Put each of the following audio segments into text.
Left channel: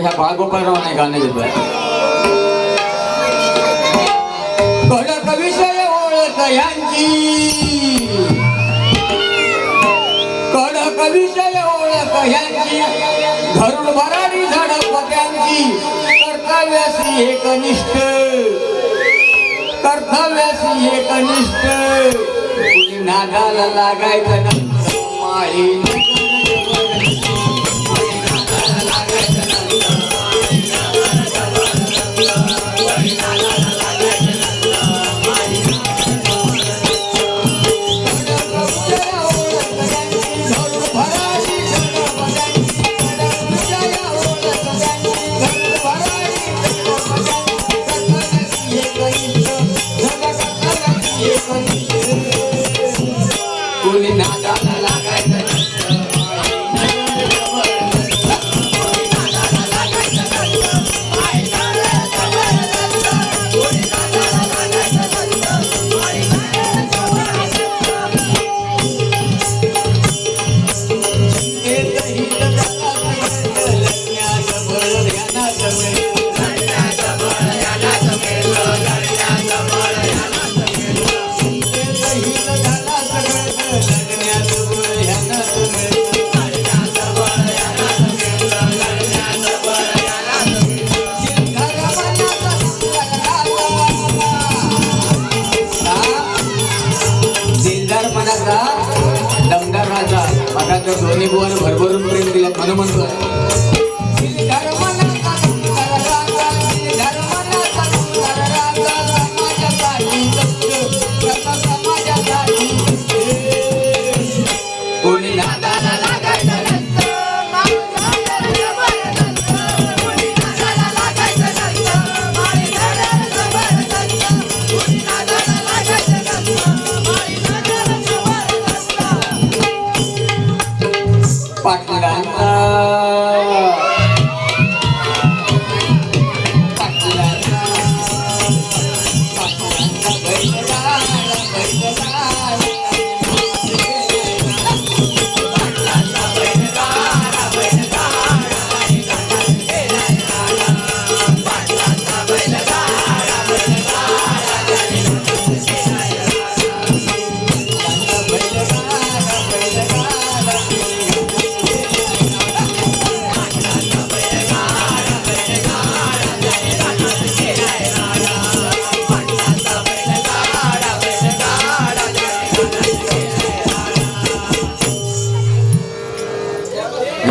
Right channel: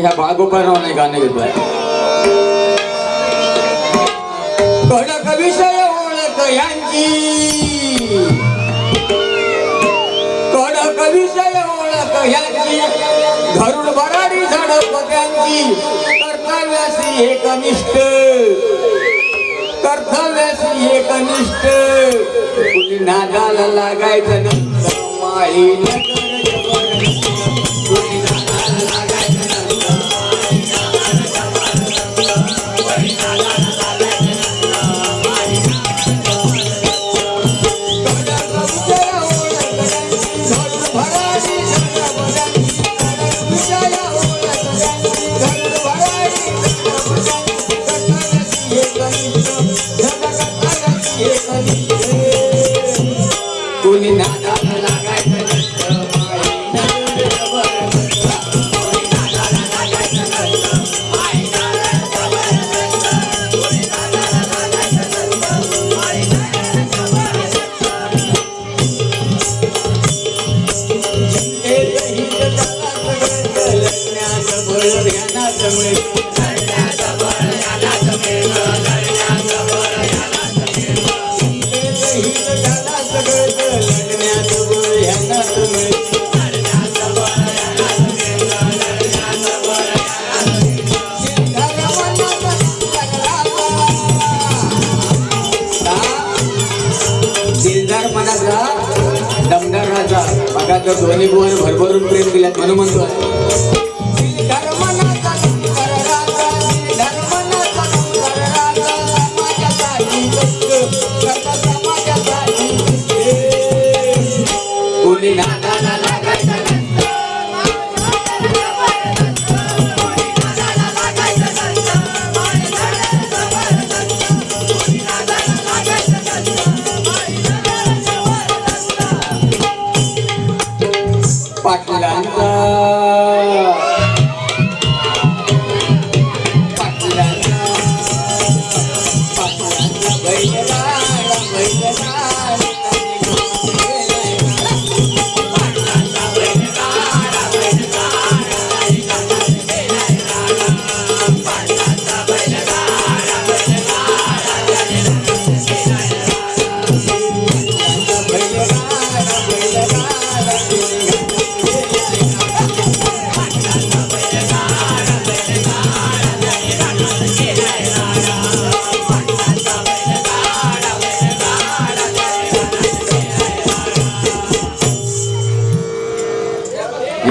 ह्या बाळगोपाळरावांनी गाणं घेतलंय. कडक विषय ओळख यांची, कडक विषय ओळख यांची, धरून भराडी झडप त्यांची, कर्तव्यासी एकनिष्ठ, कर्तव्यासी एकनिष्ठ, कुणी नादाला लागायचं नसतं माळी. दमदार राजा बघा तो दोन्ही बुवाने भरभरून प्रेम दिल्यात म्हणून म्हणतो. कोणी नादाला लागायचं पाटलांचा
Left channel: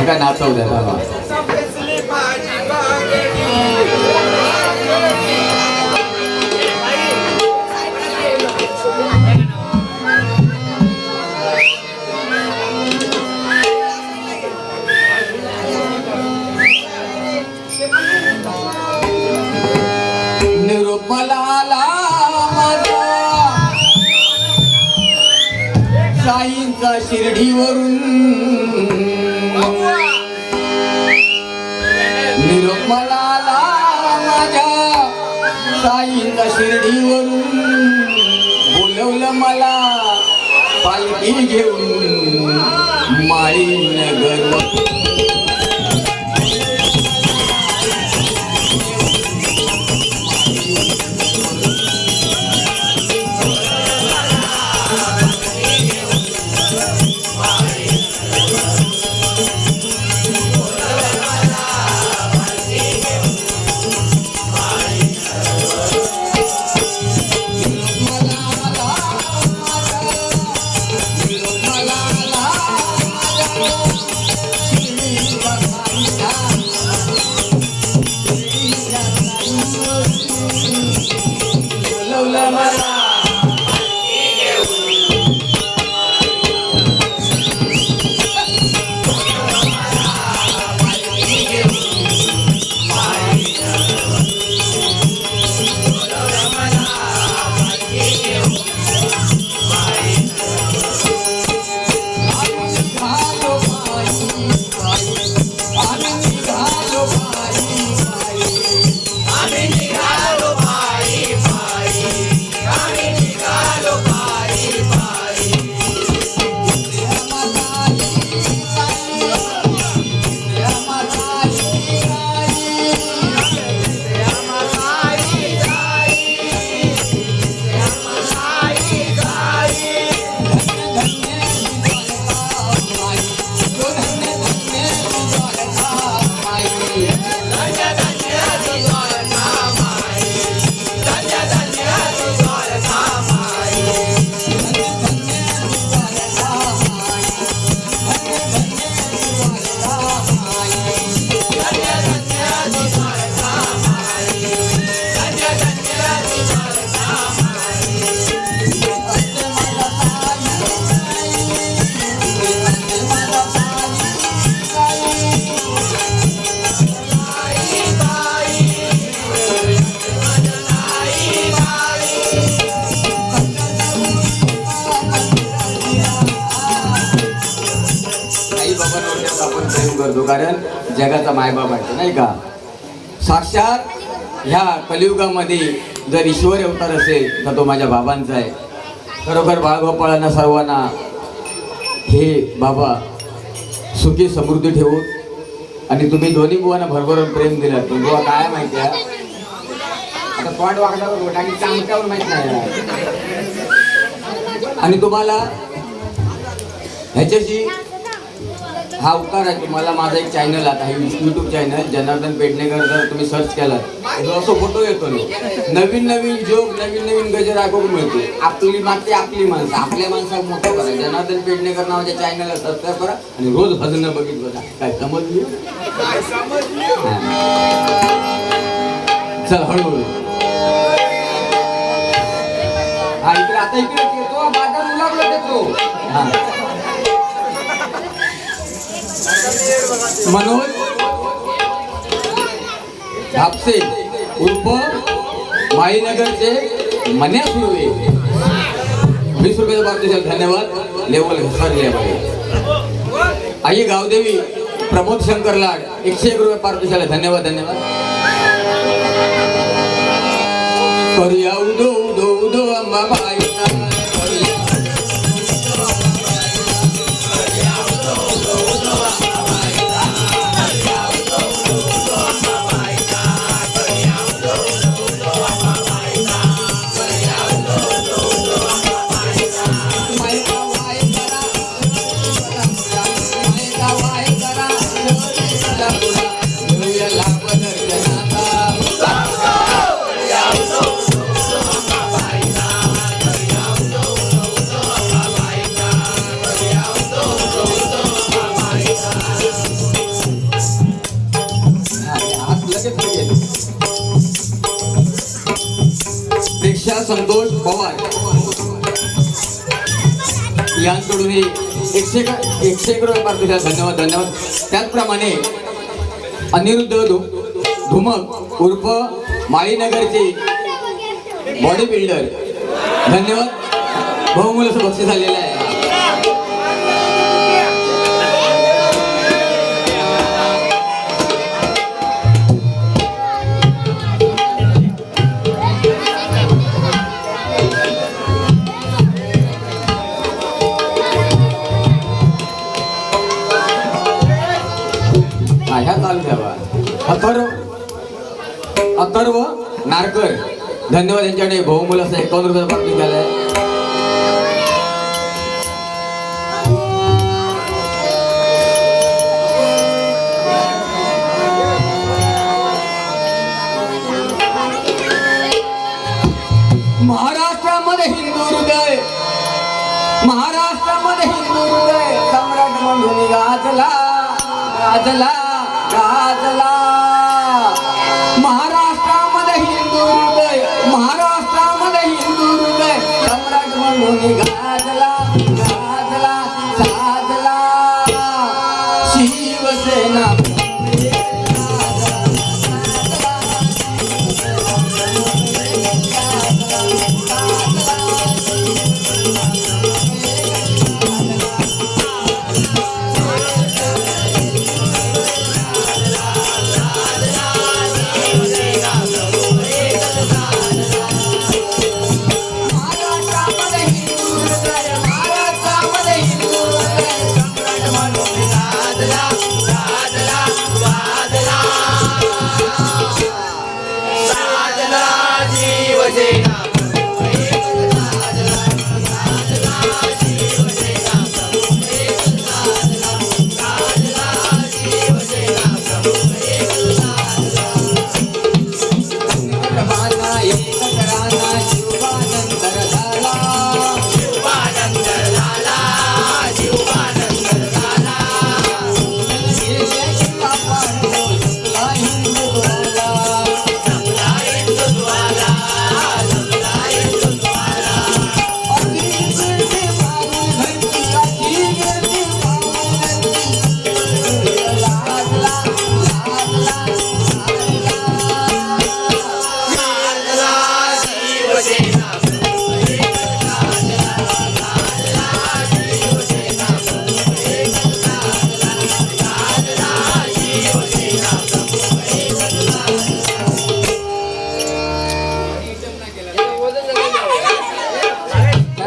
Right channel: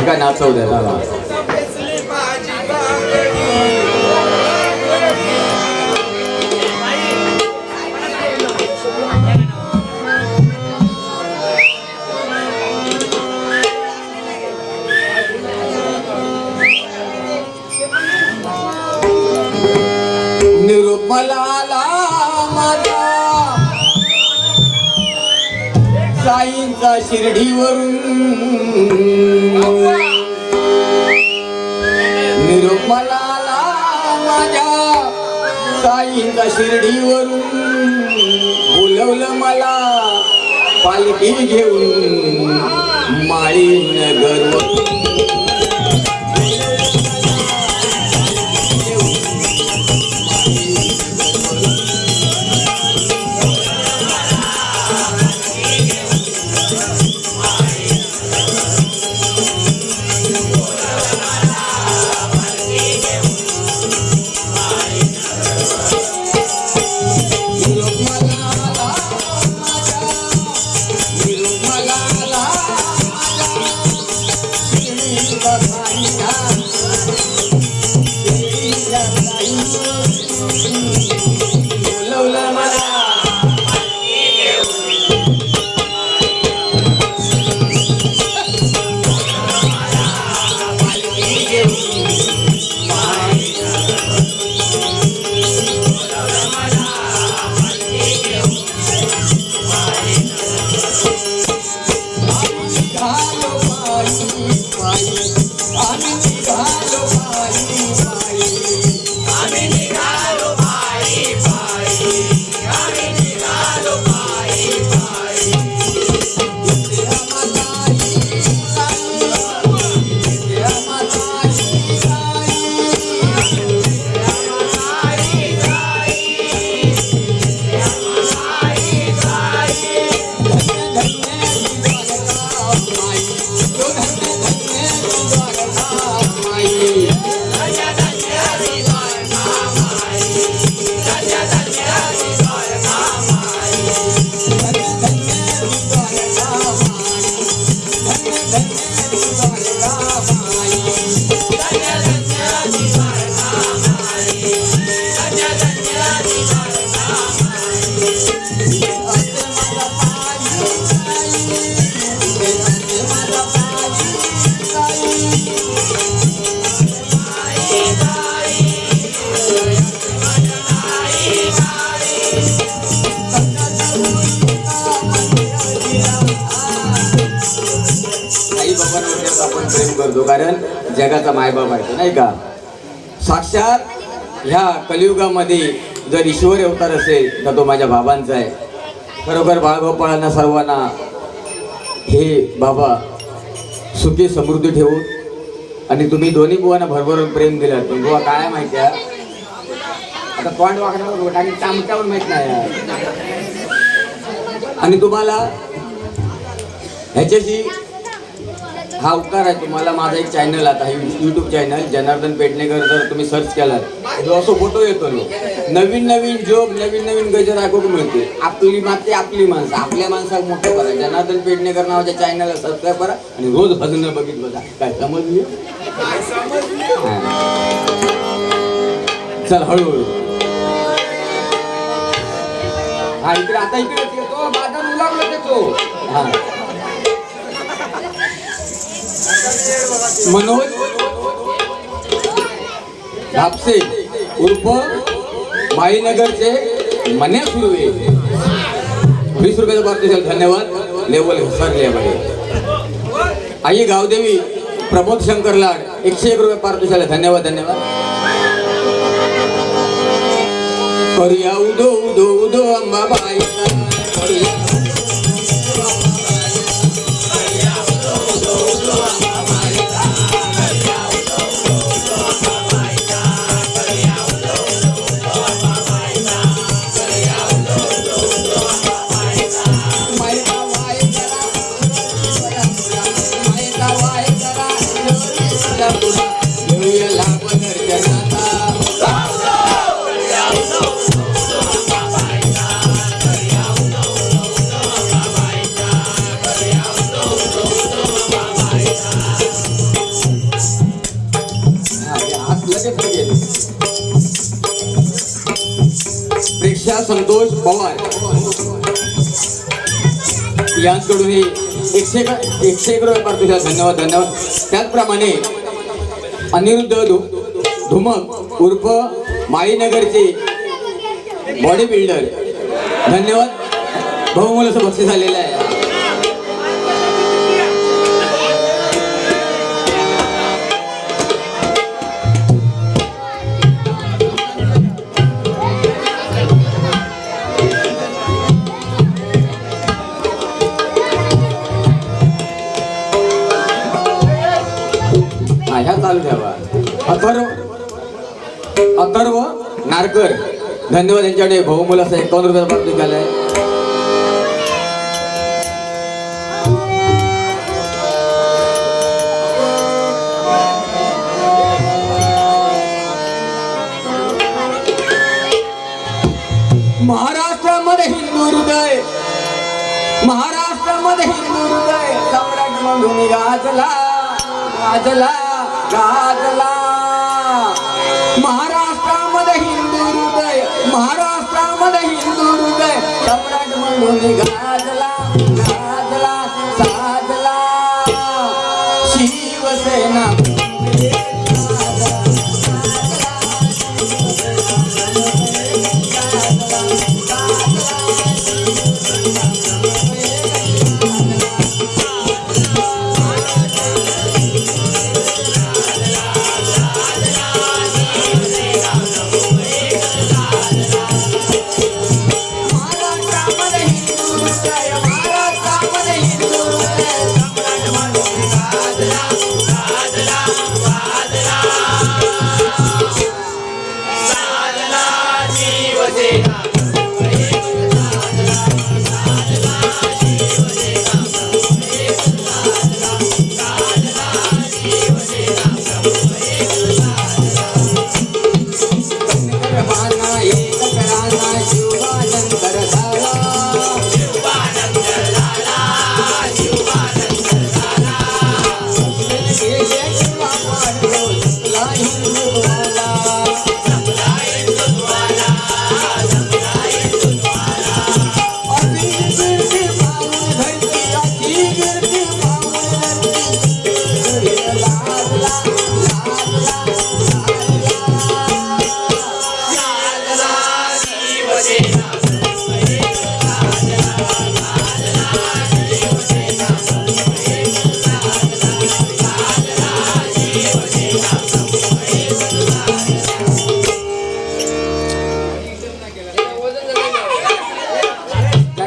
काय नाचव द्या. निरुपलाला साईंचा शिर्डीवरून, निरुपलाला माझ्या साईंचा शिर्डीवरून, बोलवलं मला पालखी घेऊन माळी नगर. करतो, कारण जगाचा मायबाप आहे तो, नाही का. साक्षात ह्या कलियुगामध्ये जर ईश्वर अवतार असेल तर तो माझ्या बाबांचा आहे. खरोखर बाळगोपाळांना सर्वांना हे बाबा सुखी समृद्धी ठेवून, आणि तुम्ही दोन्ही बुवांना भरभरून प्रेम दिलं. पण बुवा काय माहिती आहे, आता पॉइंट वाकडावर आणि चामट्यावर माहित नाही. आणि तुम्हाला ह्याच्याशी हा उपकार आहे. तुम्हाला माझा एक चॅनल आता आहे, यूट्यूब चॅनल जनार्दन पेडणेकर. जर तुम्ही सर्च केलात जो असं फोटो येतो नवीन नवीन जोक, नवीन नवीन गजर ऐकून मिळते. आपली माती आपली माणसं, आपल्या माणसाला मोठं करा. जनार्दन पेडणेकर नावाच्या चॅनलला सबस्क्राईब करा आणि रोज भजनं बघित बघा. काय समजली? चल हळूहळू. हा इकडे आता इकडे येतो, बाजार उलागलो देतो. हा मनोज धापसे उर्फ माईनगरचे मन्या सुर्वे 20 रुपयाचा पारितोषिक. धन्यवाद. लेवल घसरले आहे. आई गावदेवी प्रमोद शंकर लाड 101 रुपये पारितोषिक. धन्यवाद धन्यवाद. करिया उदो उदो उदो अंबाबाई संतोष पवार यांकडून 101 रुपये पारितोषिक. धन्यवाद धन्यवाद. त्याचप्रमाणे अनिरुद्ध धुमक उर्फ माईनगरचे बॉडी बिल्डर. धन्यवाद. बहुमूल्याचं बक्षीस झालेलं आहे. अथर्व नारकर. धन्यवाद. यांच्याकडे बहुमूल्याचं 51 रुपये पारितोषिक झालंय. महाराष्ट्रामध्ये हिंदू हृदय, महाराष्ट्रामध्ये हिंदू हृदय सम्राट म्हणून गाजला गाजला गाजला. महाराष्ट्रामध्ये हिंदू हृदय, महाराष्ट्रामध्ये हिंदू हृदय सम्राट म्हणून गाजला गाजला साजला. शिवसेना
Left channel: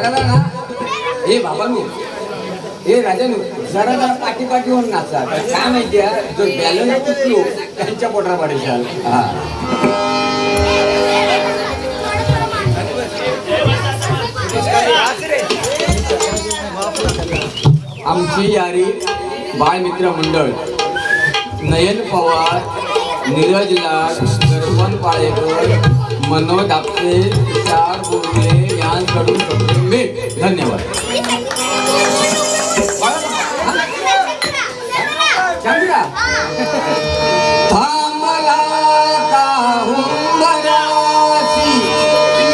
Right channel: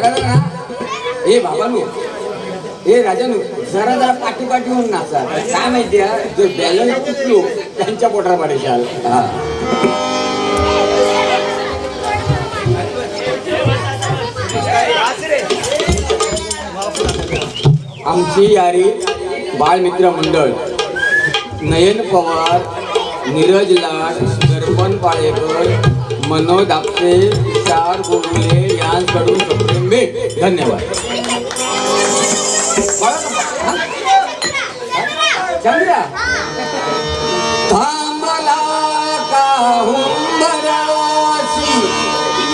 जरा ना हे बाबांनो हे राजानो जरा पाठी पाठी होऊन नाचा काय माहिती आहे जर बॅलन्स चुकलो त्यांच्या पोटाला पाडेल. हा आमची यारी बाळमित्र मंडळ नयन पवार, नीरज लाड, दर्पण पाळेकर, मनोज आपटे, तुषार बोगले यांकडून सप्रेम भेट. धन्यवाद. चंद्रा थांबला का हुंदराशी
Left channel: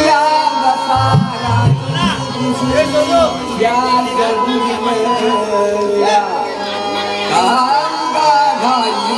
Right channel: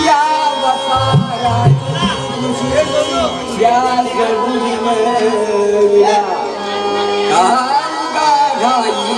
या बसाराची या गडीया कांगा घाली.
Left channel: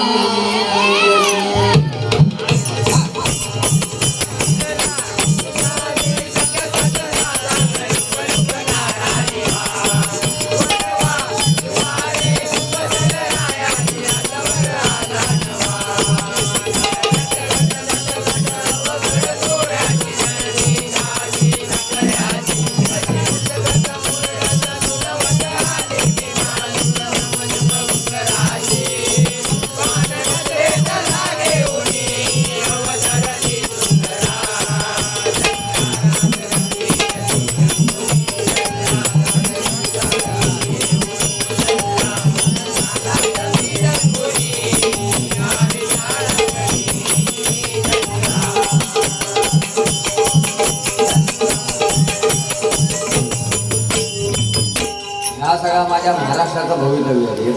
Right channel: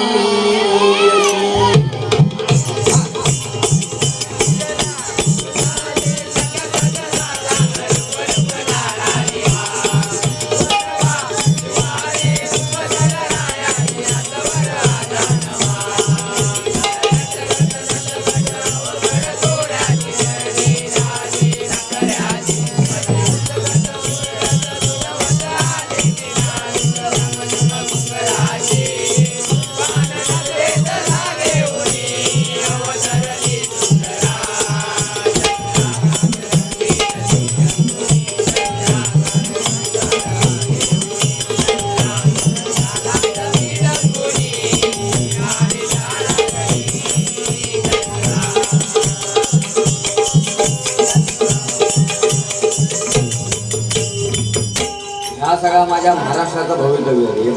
हा सगळा माझ्या महाराष्ट्राचा भवितव्य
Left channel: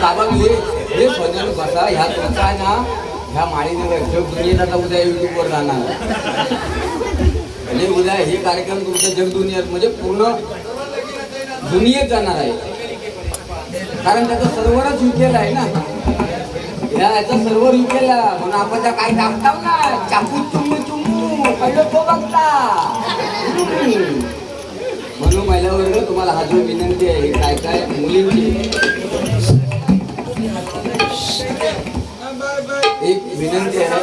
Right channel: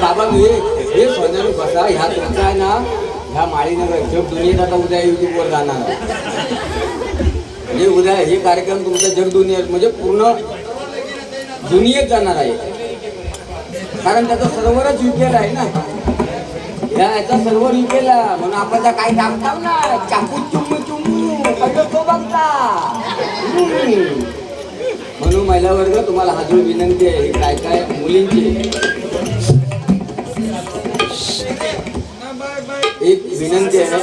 बाबा हे सोन्यानु कसा ह्या तुमचा आहे ना ह्या माळीने जग दुनियेत आता उद्या युट्यूबवर जाणार आहे. म्हणजे उद्या हे कार्यक्रम तुमचा जग दुनियेत म्हणजे पूर्ण दुनियेत जाणार आहे. कारण त्याचा सर्व्हरच युकेल आहे ना याचा सर्व्हर युकेला म्हणून आपण काय दाखवताव ना चाकू चुमू चुमू पहिलं तो बघता. म्हणून महिला वर्ग तुम्हाला हा जो विनंती आहे काय काय मुलींची एक विनंती आहे.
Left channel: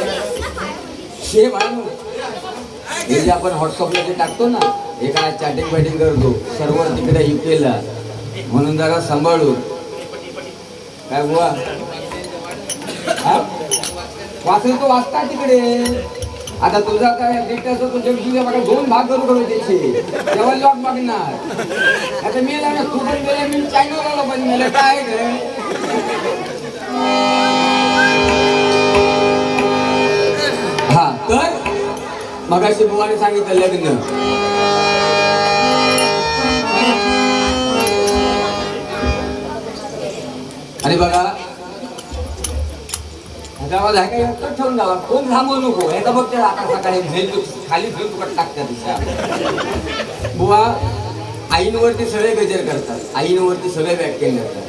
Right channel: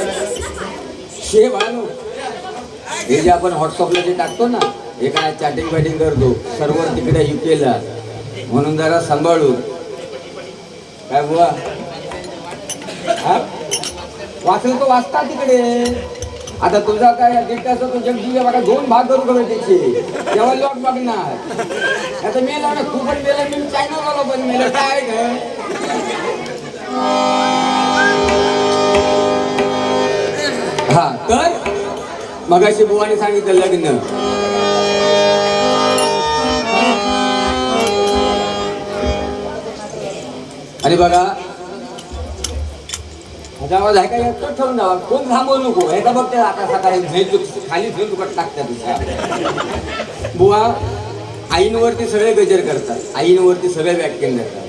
शेव आणू हे जे आपण व्हॉट्सअपला जे टाकतो ना हे काय चॅटिंग फॅटिंग करतो सर्व्हर तिकडे युकेला म्हणून जरा सांभाळू. काय बुवा वाचलं तो वाचता तिकडे. आता तुझा काय डेटाचा तो जग तुझ्या मला 2 भाग करू करू त्याचे तेव्हा लॉक बघणार. आता मेला ना तू पण मेला मी चॅनल आलो पण मेला काय हा तर मगाशी बुवाने सांगितलं लग्न आणि बघा गावाला काय ठेवून जावा कोण थांबवू नको ह्याचा बघते आता सकाळी खाली झेल टाकतात. बुवा आईंवरती सगळे गजर करतात आईंवरती सगळे व्याख्यान देतात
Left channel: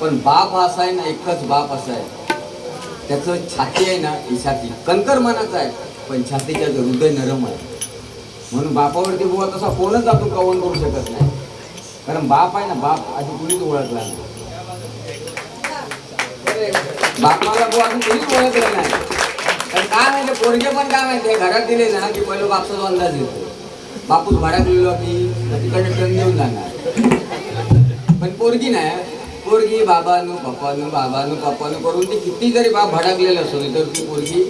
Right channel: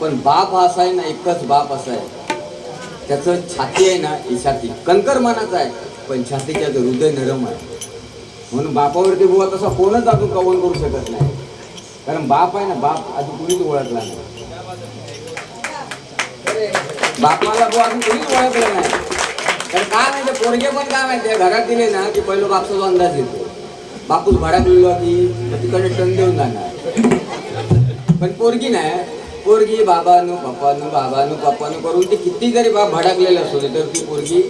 पण बाप हा असा आहे ना एकच बाप असा आहे त्याचं छाती आहे ना ही छाती कणकर मनाचा आहे पण छातीच्या हृदय नरम आहे. म्हणून बापावरती बुवा तसा कोणच आपण कवन करू शकत नाही कारण बाप आहे ना बाप आधी कुणीच ओळखला नाही. बापाला बुवा अजून कोणीच ओळखलं नाही तर काय माहिती पोरगे पण काय माहिती घरात दिले ना की पहिलं बापचा अंदाज येतो. बापूस भडकलेलो की तिकडे टन देऊन जाणार पण पोरगी नाही पोरगी बाबानु पप्पानु करून ती किती जरी बाप भडकलेलं असो तर ती पोरगी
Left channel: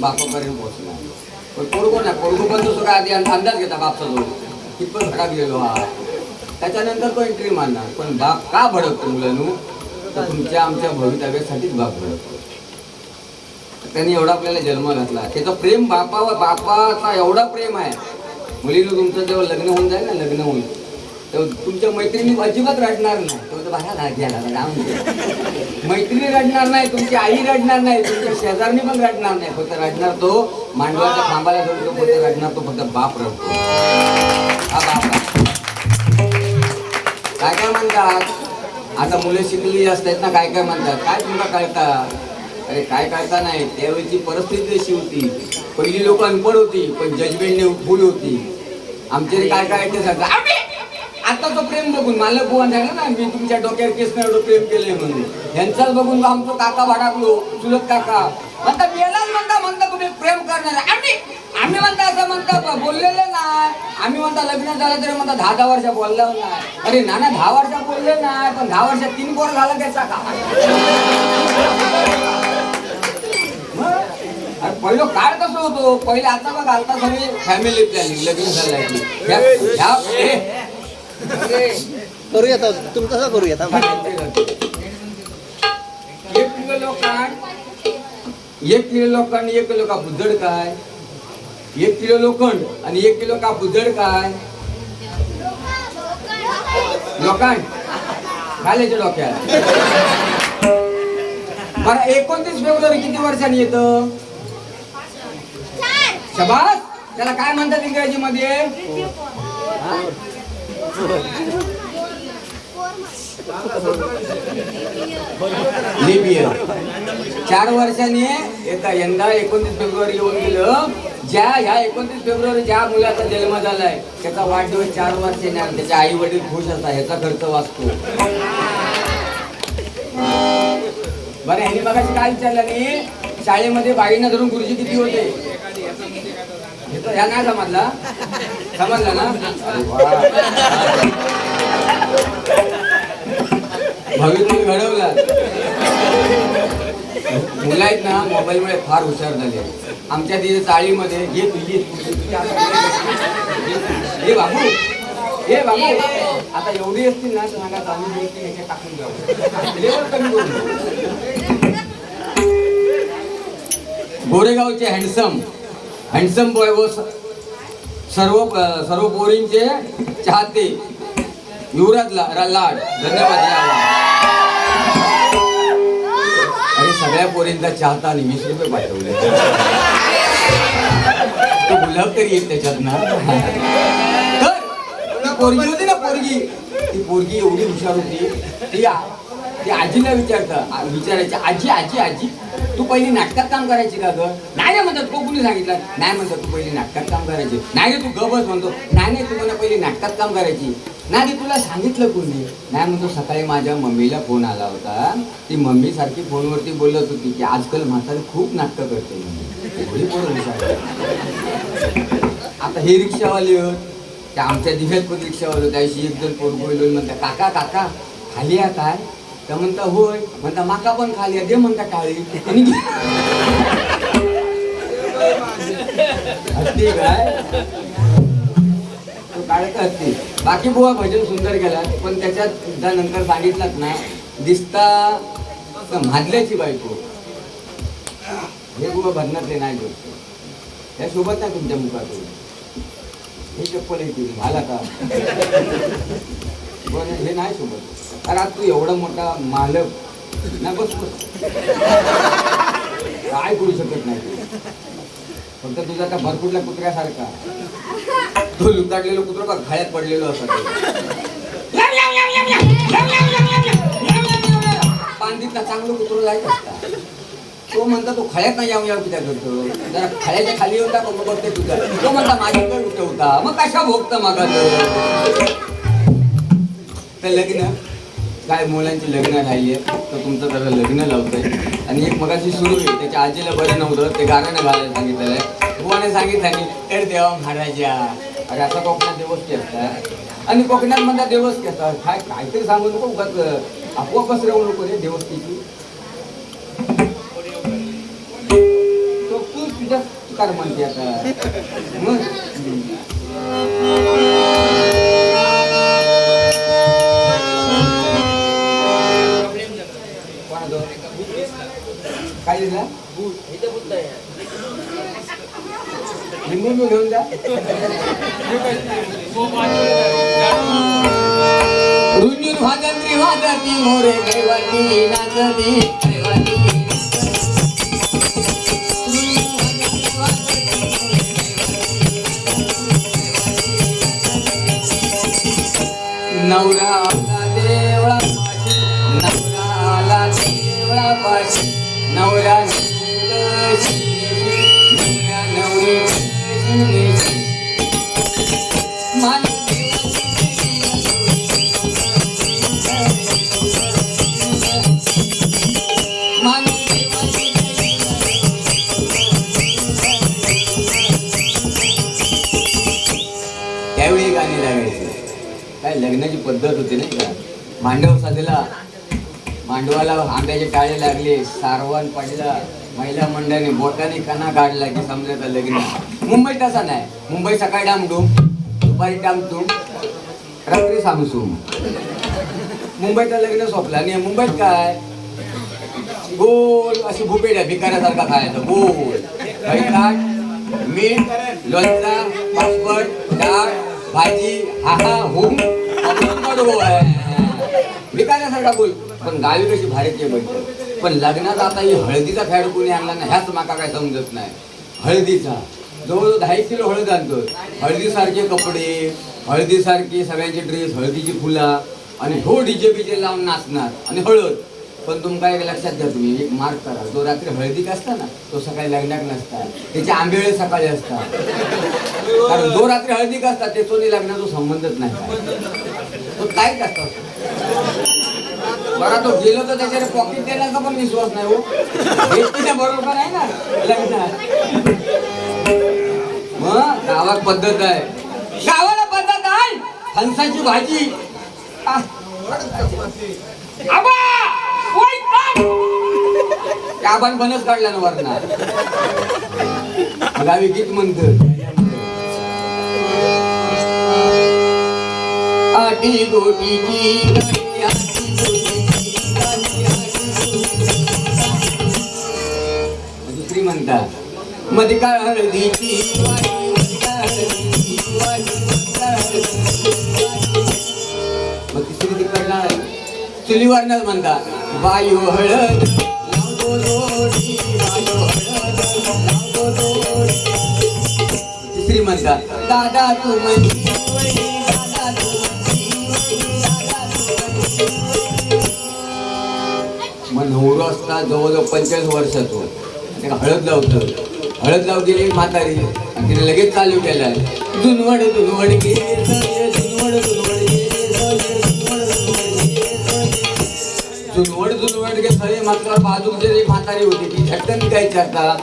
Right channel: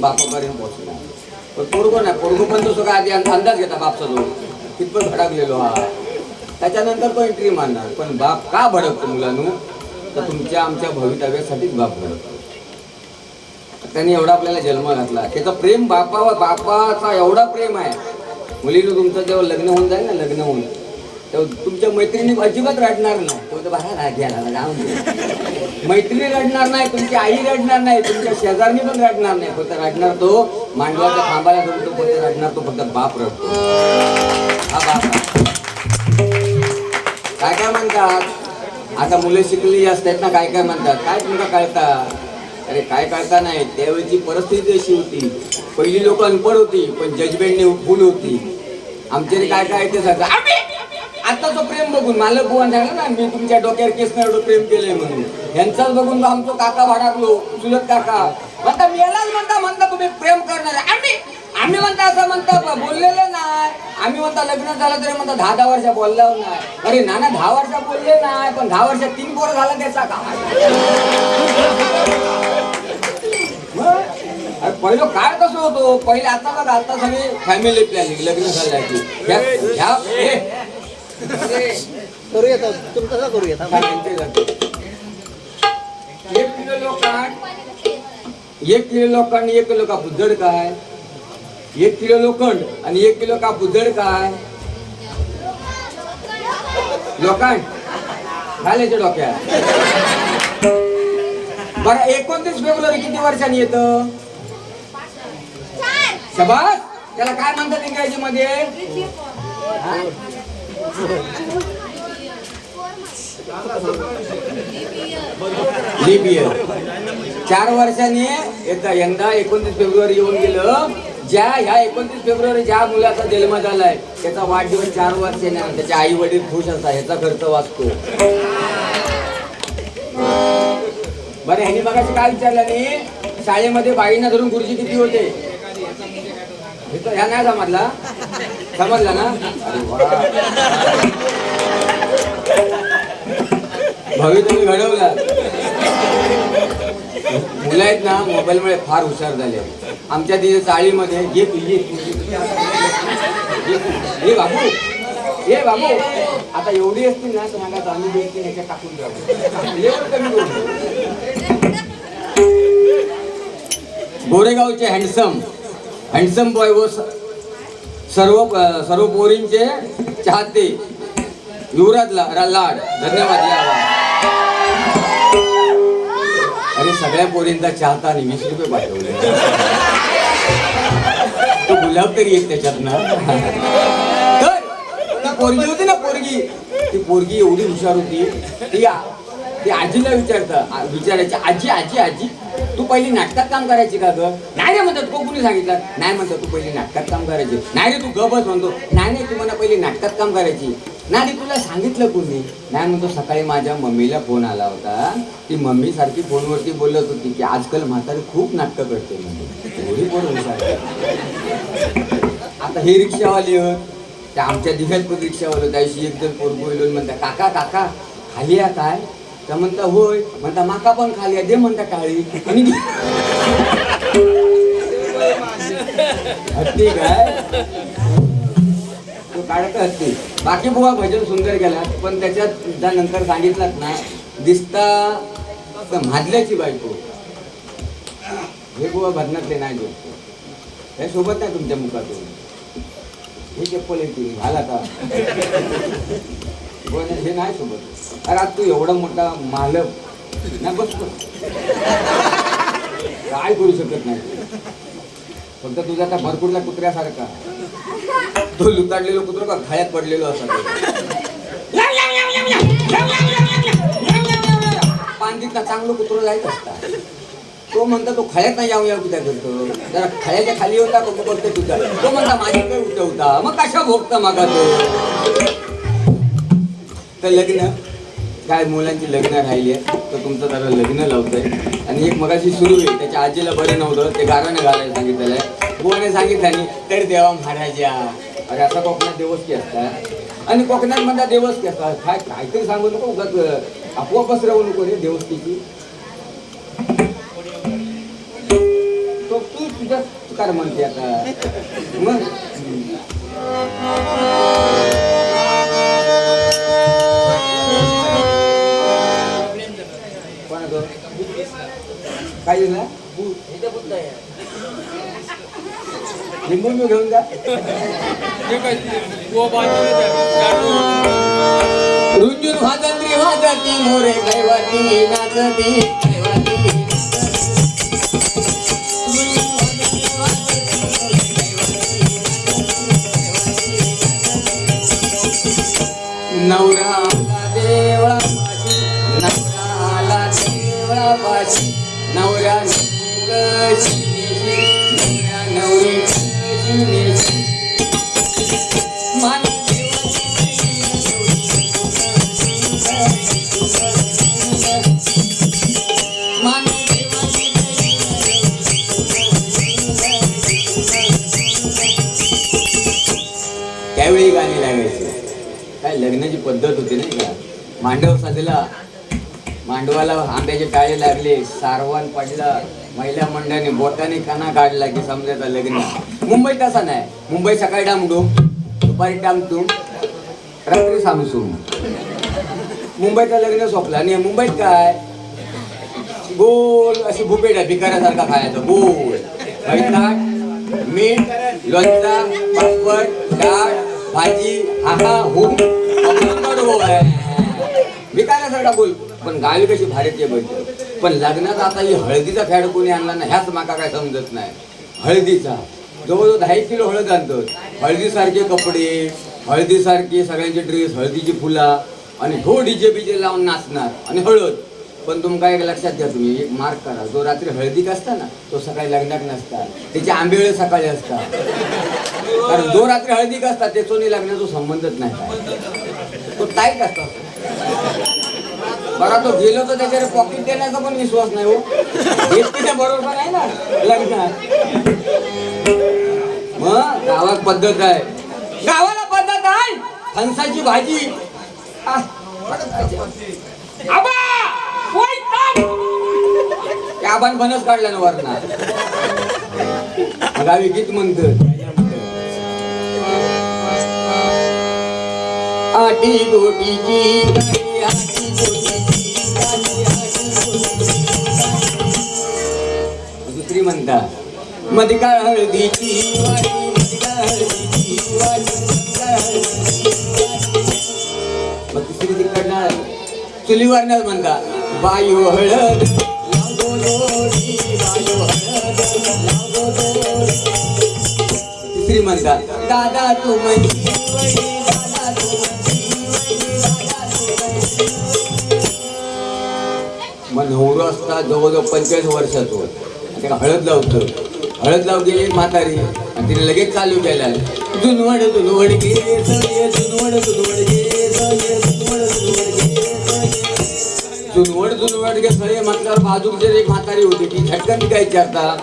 बापापर्यंत पोहोचणार. पण पोरगो नाही पोरगो पण तसं काय आधी अंदाज घेता बापचा जोड कितपत भडकलेलो हा त्याच्यानंतर तो एंट्री मारणार. पण बाप का भडकतो मुलांनो तर तुमच्या आमच्या भवितव्यासाठीच बाप भडकतो. त्यांनी एवढा आपल्याला जन्म घातला त्याचं प्रेम बापाचा एवढा प्रेम आहे. मुलीनं तुमचं जेव्हा लग्न होऊन जाईल ना लग्न होऊन तेव्हा तुमच्या मैत्रिणी अजिबात रडणार नाही. तो बाहेर घ्यायला मैत्रिणी रडणार नाही तुमची आई रडणार नाही तुमच्या शेजारनी पण रडणार नाही. फक्त रडणार तो मांडवाचा खांबाला धरून तो फक्त रडणार तो फक्त बाप रडतो. हा बाप काय काय म्हणतात आता मुलं शिकलेली असतात ना काय काय म्हणतात काय तुला कळता अरे काय कळता नाही. त्यावेळीची परिस्थिती अशी होती पहिली लोक अनपढ होती पण जजमेंटने फुल होती. आमच्याकडे काय काय ते सगळं आता तो प्रेम बघून मला बुवा झाला ना मी तुमच्या डोक्यावर केस एवढं प्रेम केलंय म्हणून यांचाच बघून आमचं काका भडाकलो चुलत काका म्हणता मेलाच म्हणता तुम्ही प्रेम करणार आम्ही आम्ही म्हणता असं म्हणता बोललेलं नाही. आम्ही म्हणता लग्न झालं तरी म्हणता 10 वर्ष बोललो नाही. अरे नाना 10 वर्ष बोलले नाही, पण 10 वर्षात 3 पोरं झालं त्याचा काय? अरे पहिलं काय कसं होतो, पहिले आता का घालता सगळी फॅमिली प्लॅनिंग लग्न झालं करूया तुमचं कसं करूया. 1 किलो लोखंड 1 किलो लोखंड 1 किलो कापूस जड काय? 1 किलो लोखंड आणि 1 किलो कापूस जड काय? लोखंड घालायचे डोक्यात. बरं 29 फेब्रुवारी किती वर्षांनी येतं? शबास. त्याला काय म्हणतात इंग्रजी मध्ये? Leaf year. 4 वर्षांनी येतं. यंदा 29 फेब्रुवारी येऊन गेलं. ह्या 29 फेब्रुवारी ज्या मुलाचा जन्म झालाय त्याचा वाढदिवस 4 वर्षाने त्याचे आई वडील खुश असतात, ह्याचा खर्च वाचतो. बरं ह्यानी मगाशी काय विचारलं नाही, शाळेमध्ये बाईंना धरून गुरुजी किती होते? ह्या नाही समजला? समजला ना? अरे वा, भावी तुम्ही घडवला. मुलं आहेत ना मोबाईलमुळे फार हुशार झाले. आमच्या तिथे चाळीमध्ये ये बाबू ये बाबू आता एवढी असतील ना तर मला आम्ही ह्याच्यात टाकून द्यावं, लेवल कमी करू. गोरेगावचे हँडसम बॉय व सर्व पोरींचे चाहते युवराज लाड, धन्यवाद. अरे सगळ्या पोरींचा चाहता आणि 20 रुपये पाठवले. तो गुलाब तरी येत त्याच्यात ना. तर ती पोरगी होती ना, ती पोरगी एवढी हुशार होती. ती आजीला विचारायची, आजी आजी आजी तू पहिली नाटकात काम करायची का ग? नाही रे म्हणतात. कोणी सांगितलं? नाही म्हणतात तू पहिली नाटकात काम करायची. नाही रे तू गबस म्हणतो. नाही तू मला पहिली नाटकात काम करायची. नाही रे तुला सांगितलं कोणी? नाही म्हणतो सकाळी माझ्या मम्मीला फोन आला होता. ती मम्मी सारखी फोनवरती बोलत होती की आजकाल म्हातारी खूप नाटकं करते म्हणून. एवढी पोरं हुशार. आता हे रिक्षावाले होत, त्या आमच्या दिघ्यात रिक्षावाले त्याशी एकदम पोरगो बोलून म्हणता काका काका खाली या काय? का म्हणता होय. म्हणता माका पण खाली दे म्हणता काळी. हत्ती काय तू काढत हत्ती. बाकी बुवा भजन सुंदर गेला, पण त्याच्यात नंतर सांगितलंच नाही दिसता म्हादल्याची बायको. हे बुवा भजनातले नाही गोष्ट या सोबत नाही तुमच्या मुखातून. हे चप्पल येते घाल आता. हे नाही सोबत. अरे तू एवढा मोठा मालक नाही बसतो, काय करू शकत नाही. फक्त तुझा आता भरपूरला कुत्र्यासारखा तो लुताडलेलो कुत्र का खाळ्यात पडलेलो असा पांदीतला चांगलं कुत्र जायचं असता. तो म्हणता तो खळ्यात नाही याव किती करतो. जरा खळ्याच्या खाली होता बघते तुझा. तो म्हणता माझ्याकडे उठवता मग कशा भोगता मागा तर लग्न काय मुलांची लग्न राहिली आहे तर तुमचं जरा लग्न लावतंय. आणि एक मगाशी सुरू आहे त्याच्या आजीला बरं नव्हतं ते गाणं घालायला सांगितलेलं आहे. बुवाने सांगितलं तर देवा महाराजा. अरे असा कोकणात देवस्थी असतात आणि कोकणात म्हणतात देवस्थी असतात. काय काहीतरी सांगू नको उगाच आपोआप पसरवू नको रे देवस्थीची. तो तू तुझ्या काय म्हणते आता मग काय दिला लिंबू घेऊन जा. रुंजून वाजती वाजती मोरे कैवाती नाचती नवरा देवळा नवरा देवळापाशी नवरा लग्नाची पद्धत होती नाही का. मांडव साधला, मांडवाला आंब्याचे टाळे लागले, सारवान पडला, महिला मंडळाने बोटाने कणा काढला की समजायचं लग्न. मुंबईत तसा नाही. मुंबई सकाळी डामडूम, दुपारी डामडूम, रात्री सामसूम. मुंबईतलं लग्न सोपलं. आणि मुंबईत काय गोल अशी भुपेड्या भिकाऱ्यासारखा खायचं गोल. बैठाट, मीठ, लोणचा, पापड, डाळ, भाजी, हा हुम भिकाऱ्यासारखा बोल. पण गावी कशी भारतीय बैठक. पण लग्नात आता ही हळदीचा फॅड कोणी आणला ना ह्याच माका काय समजत नाही. हळदीचा जवळजवळ 10 किलो हळद आणतो. हळदीसारखे कपडे, हळदीसारखे सगळ्यांचे ड्रेस, हळदीची फुला आणि हो डीजे बीजे लावून नाचणार आणि हळद. पण तुमका एक लक्षात घ्या, तुम्ही एक मार्क करा, जो रात्री हळदीक असता ना तो सकाळी लग्नाक नसता, त्याचे आंबेळे सकाळी असतात. कारण जो रात्री हळदीक असतात ते सोनी लग्नाचा संबंधच नाही काय. तो टाईट असतो. बरा तो गेलो तर त्याच्यावर पॉकेट देण्याचा पण विश्वास नाही. हो घेतलीच्या बरोबर आहे ना लग्नात. मग गावात पद्धत आहे, गावाला पद्धत आहे. फणसाची भाजी आबान बनच काढला ना वरना. गावी गीत म्हणत आटी गोटीची दुसरी म्हणतात मधिका हळदीची मग तिसरी तिकडला चुलीवरनच म्हणतात बाई हो हळद. तिसरी म्हणतात दादा तू मग नवरो असता जवळजवळ 45 वर्षाचो. त्याला हळद लावतो. हळद लाव गेली म्हातारी आणि तिने लगेच चालू केला जुनवड जुनवड गे जुनवड जुनवड गे जुनवड जुनवड गे सगळे म्हटल्यावर बाजूक जर एक म्हातारी होती ती झटकन काय विचारता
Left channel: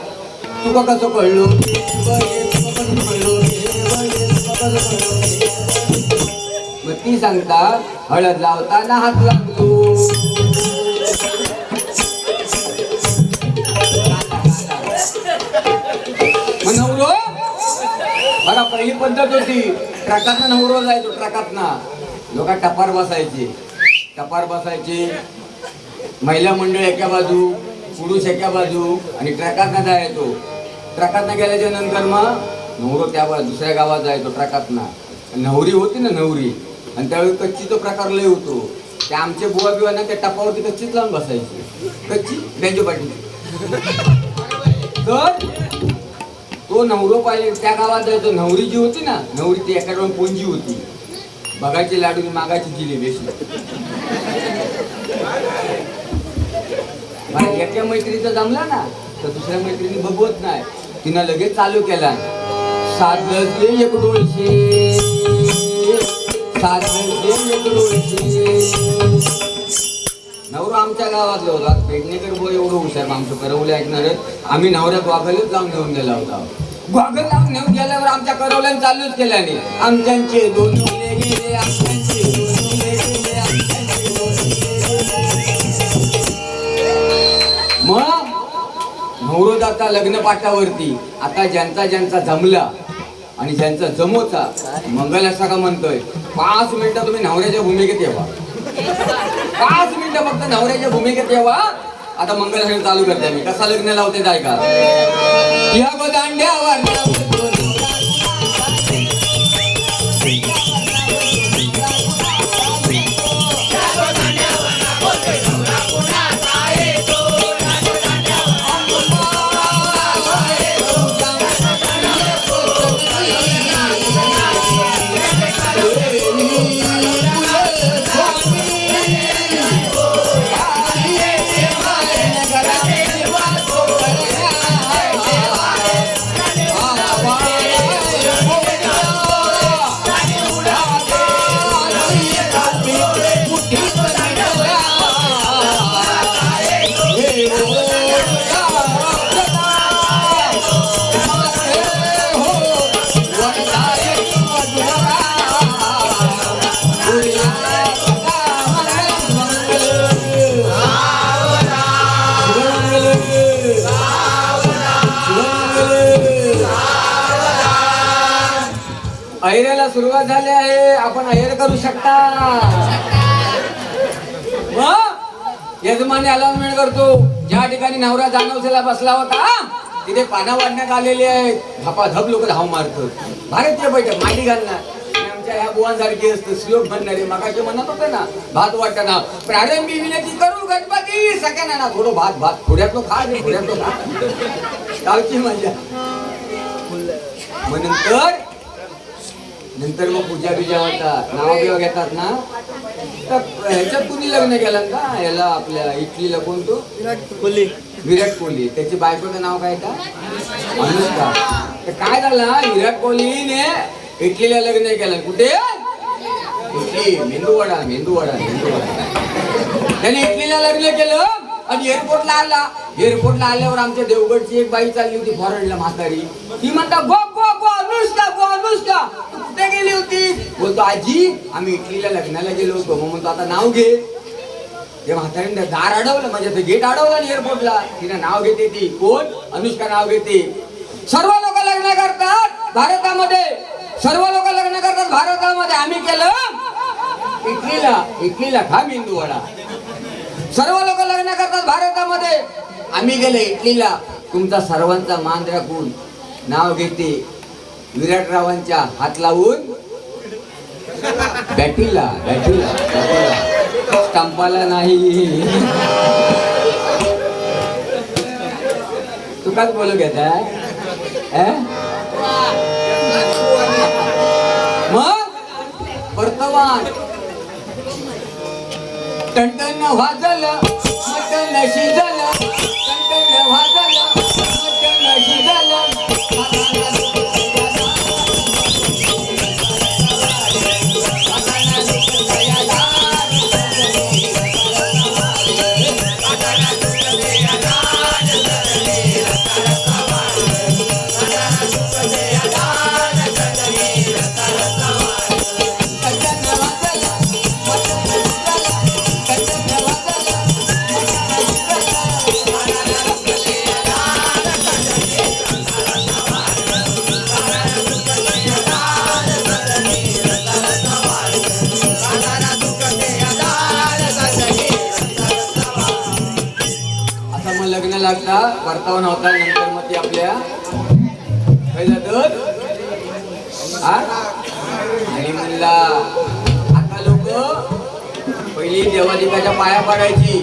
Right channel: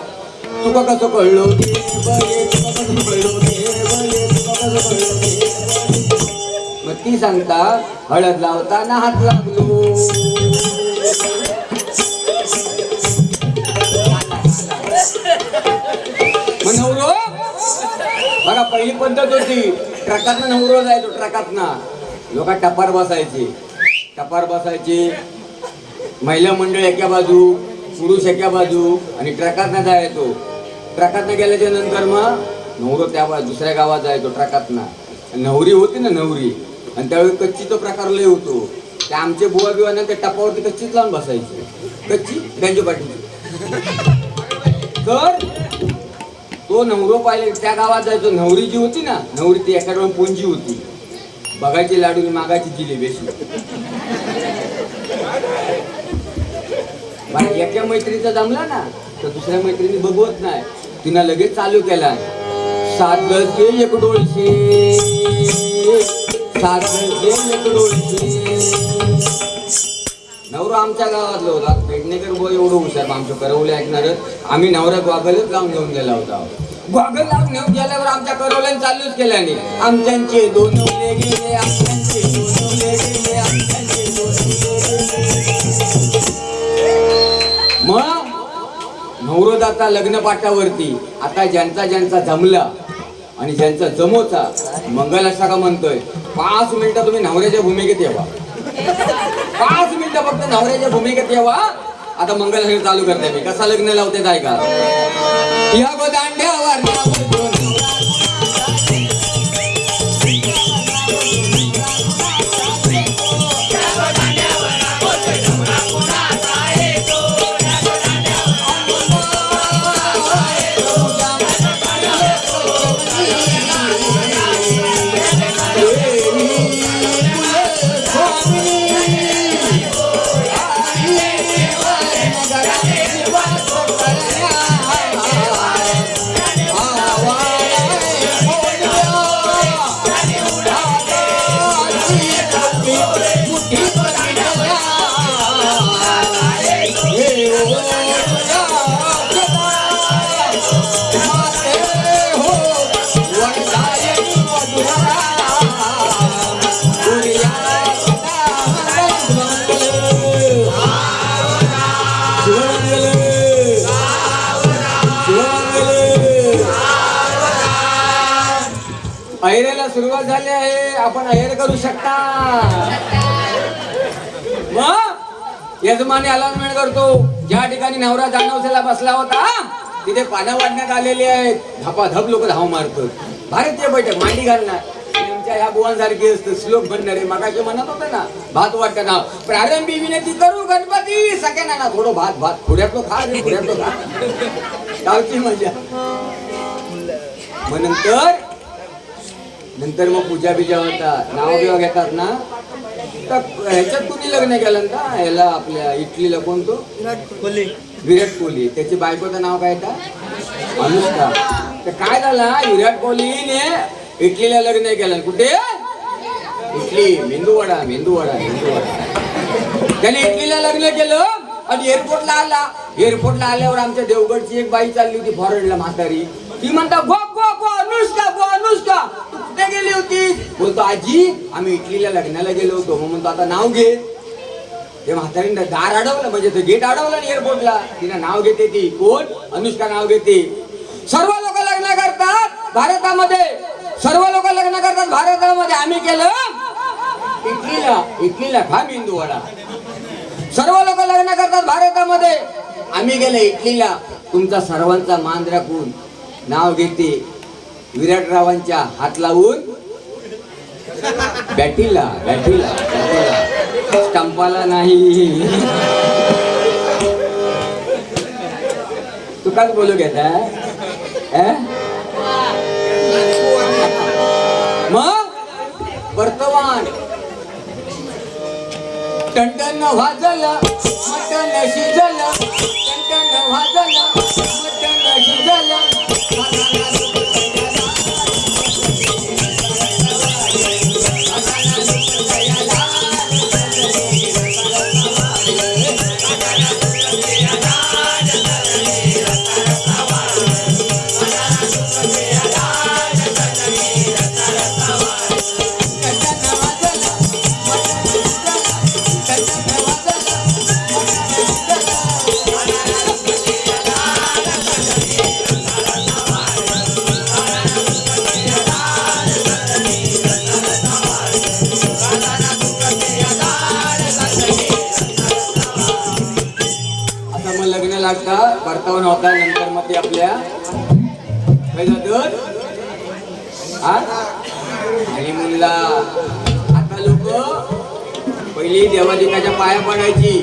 तुका कसं कळलो. मग ती सांगता हळद लावताना हात लागलो. नवरो बघा पहिली पद्धत होती ट्रकातनं नवरो जायचो. ट्रकातनं लोक टपार बसायचे. महिला मंडळ एका बाजू, पुरुष एका बाजू आणि ट्रकातनं जायचो. ट्रकातनं गेल्याच्या नंतर मग नवरो त्या दुसऱ्या गावात जायचो ट्रकातनं. नवरी होती ना नवरी, आणि त्यावेळी कच्चीचा प्रकार लय होतो. ते आमचे बुवा बिवा ना त्या टपावरती कच्चीच लावून बसायची. कच्ची त्यांच्या पाठीची. तर तो नवरो पाहिले त्या गावात जायचो. नवरी जी होती ना नवरी ती एका डोळ्यात पोंजी होती. बघायची लाडू मागायची जिलेबी अशी. एका मैत्रिणीचा जमला ना तर दुसऱ्या मैत्रिणी बघवत नाही. तिनं लगेच चालू केला साधे एक डोळशी एक डोळशी. नवरा आमच्या गावातला होता. पेडणेकर बोल एवढं हुशार आमचं करवले ऐकणारच. आम्ही नवऱ्यात वागलच लावून घेऊन गेला होता. वागल लावून घेऊन गेल्यावर आमच्या करवल्याने चालूच केल्याने आमच्यांचे दोन गेले आमच्यांचे गेले आमच्यांचे. मग नवरो जाता लग्न पाठावरती. आता ज्यांचा ज्यांचा जमला आणि ज्यांचा जमोचा मंगल असा का म्हणतोय 5 मिनिटं तुम्ही नवऱ्याच्या भूमिकेत यावा. 5 मिनिटं फक्त नवऱ्याच्या भूमिकेत यावा. आता मंगल चालू करते मी. कसा लग्न लावते काय का या गो दांड्यावर अहिरेला सुरुवात झाली आहे. आपण अहिर करू शकता. मग यजमानी अलाउन्समेंट करतो. ज्या ठिकाणी नवरा जानवसेला बसला होता तिथे पानं वाढण्यात आलेली आहेत. धपाधप लोक धाव मारतात. भारतीय बैठक मांडी घालणार. आमच्या ह्या बुवांसारखी असतं श्लोक म्हणणारे. मगाशी म्हणत होते ना भात वाटताना प्रारंभी विनंती करू गणपती सगळ्यांना ना थोडं भात भात थोड्यातलं खा रे थोड्यातलं खा. गावची मजा. मग नंतर मग पूजा बिजा होतात. नाव बिवा घेतात ना. तर ह्याच्यात कुणी लग्न केलं का ह्याला आपल्या इटलीला कोणतो विराट कोहली. त्याची बायकोचं नाव काय का अनुष्का. तर काय झालं विराट कोहलीने इटलीला लग्न केलं. कुठे इटली मेंदूवडा मेंदूवडा मेंदूवडा. त्याने इटलीला लग्न केलं आणि एअरपोर्टला आला. एअरपोर्टला आल्यावर आमच्या देवगडची एक बाई चालली होती फॉरेनला म्हातारी. ती म्हणता गो गो गो अनुष्का गो अनुष्का कुठे गेली होती. बोलतो आजी आम्ही इटलीला लग्नाला गेलो होतो. मग म्हणतो आता नाव घे. ते म्हातारीने दार अडवलं म्हणजे ते गेट अडवलं आणि एअरपोर्टला. तिनं नाव घेते. ती कोण अनुष्का नाव घेते. सर्व लोक लग्न करतात भारतामध्ये. सर्व लोक लग्न करतात भारतामध्ये. आम्ही केलं इटलीला. इटलीला खा मेंदूवडा. सर्व लोक लग्न करतात भारतामध्ये. आम्ही गेले इटलीला. तुमचा सर्वांचा मान राखून नाव घेते विराटरावांच्या हात लावून बॅटीला बॅटीला स्टंपाला नाही. तू काय बोलू घेता. मग वर्तमान टणटण वाजलं मटण शिजलं. टणटण वाजलं मटण शिजलं. परतावून होता. नंतर मग ते आपल्या आणि मुलला आता लोक पहिली देवादिकाच्या पाया पडायची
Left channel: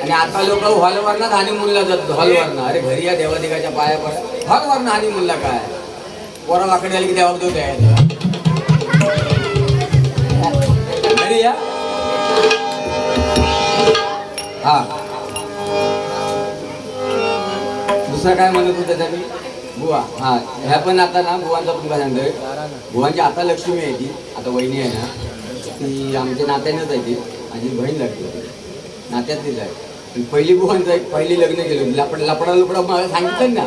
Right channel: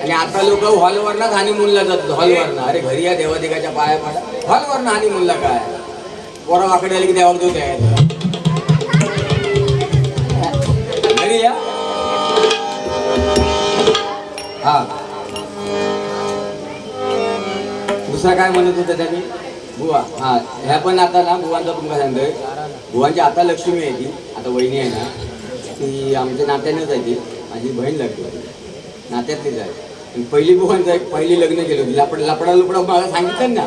आणि आता लोक हॉलवरनं आणि मुलला जातात. हॉलवरनं अरे घरी या देवादिकाच्या पाया पडा. हॉलवरनं आणि मुलला काय पोरा वाकडे आले की देवा देऊ द्यायला घरी या. हा दुसरा काय म्हणत होता त्यांनी बुवा. हा ह्या पण आता ना बुवांचा तुमका सांगतोय. बुवांची आता लक्ष्मी आहे. ती आता वहिनी आहे ना ती आमच्या नात्यानंच आहे. ती माझी बहीण लागते नात्यातलीच आहे. पहिली बुवांचं एक पहिली लग्न केलं होतं. लपडा मला सांगितलं ना.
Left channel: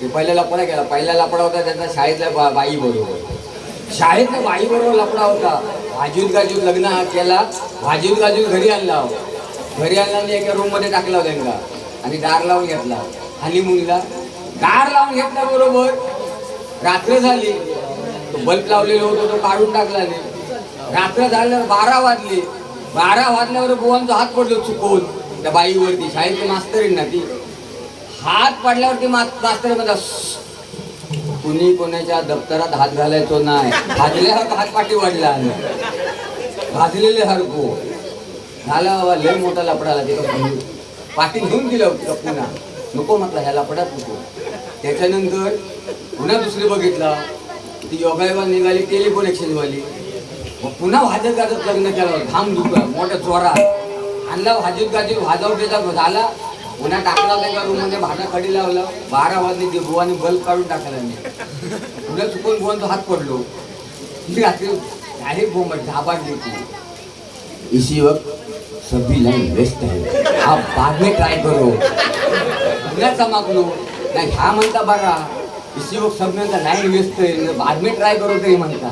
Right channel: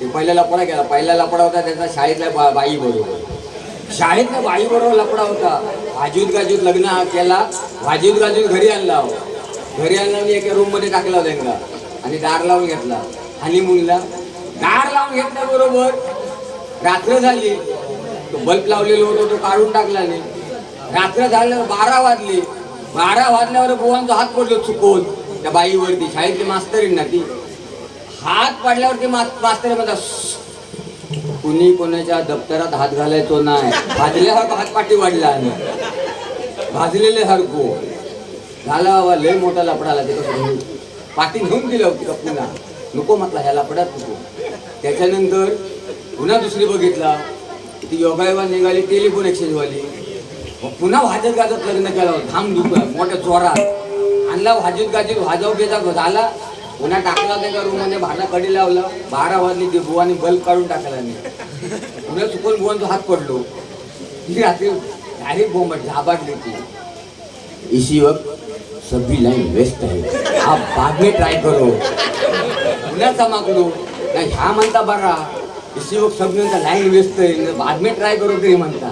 ते पहिला लपडा केला. पहिला लपडा होता त्याचा शाळेतल्या बाई बरोबर. शाळेतल्या बाई बरोबर लपडा होता. भाजूत गाजूत लग्न केला. भाजूत गाजूत घरी आणला. घरी आणला आणि एका रूम मध्ये टाकला त्यांना आणि दार लावून घेतला. आणि मुलीला दार लावून घेतल्याबरोबर रात्र झाली. तो बल्ब लावलेला होता तो काढून टाकला नाही. रात्र झाल्यावर 12 वाजले. 12 वाजल्यावर बुवांचा हात पडलो चुकून त्या बाईवरती. शाळेतली मास्तर ना ती. हात पडल्यावरती मास्तर म्हणतात कुणी कोणाच्या दप्तरात हात घालायचो नाही. भाजल्यावर हात पाठी वाढला. भाजलेले हरको झाला बाबा. लय मोठा लपडाला तिथं पाठी घेऊन दिलं होती पुन्हा. नको म्हटला ह्या लपड्यात नको. त्याच्यानंतर पुन्हा दुसरी बघितला ती योगायोगा निघाली टेलिफोन एक्सचेंजवाली. मग पुन्हा वाजत गाजत लग्न केलं. धाम दुखला मोठ्या चोरात आणला. वाजत गाजत वाजव बेजाव झाला. पुन्हा टाकला त्या रूममध्ये भांडा कडी लावला. 12 वाजले. ते बुवाने बल्ब काढून टाकला नाही. पुन्हा चुकून बुवांचा हात पडलो. ती रात्री डायरेक्ट बोंब झाबाडली ती. इसी वक्त सभी लाइन वेस्ट है आप बाद में ट्राई करो. पुन्हा चमकलो नाही. ह्या म्हणता बघा इसी वक्त सगळ्यांचा लाईन वेस्ट आहे बाद में ट्राय करो तरी म्हणता.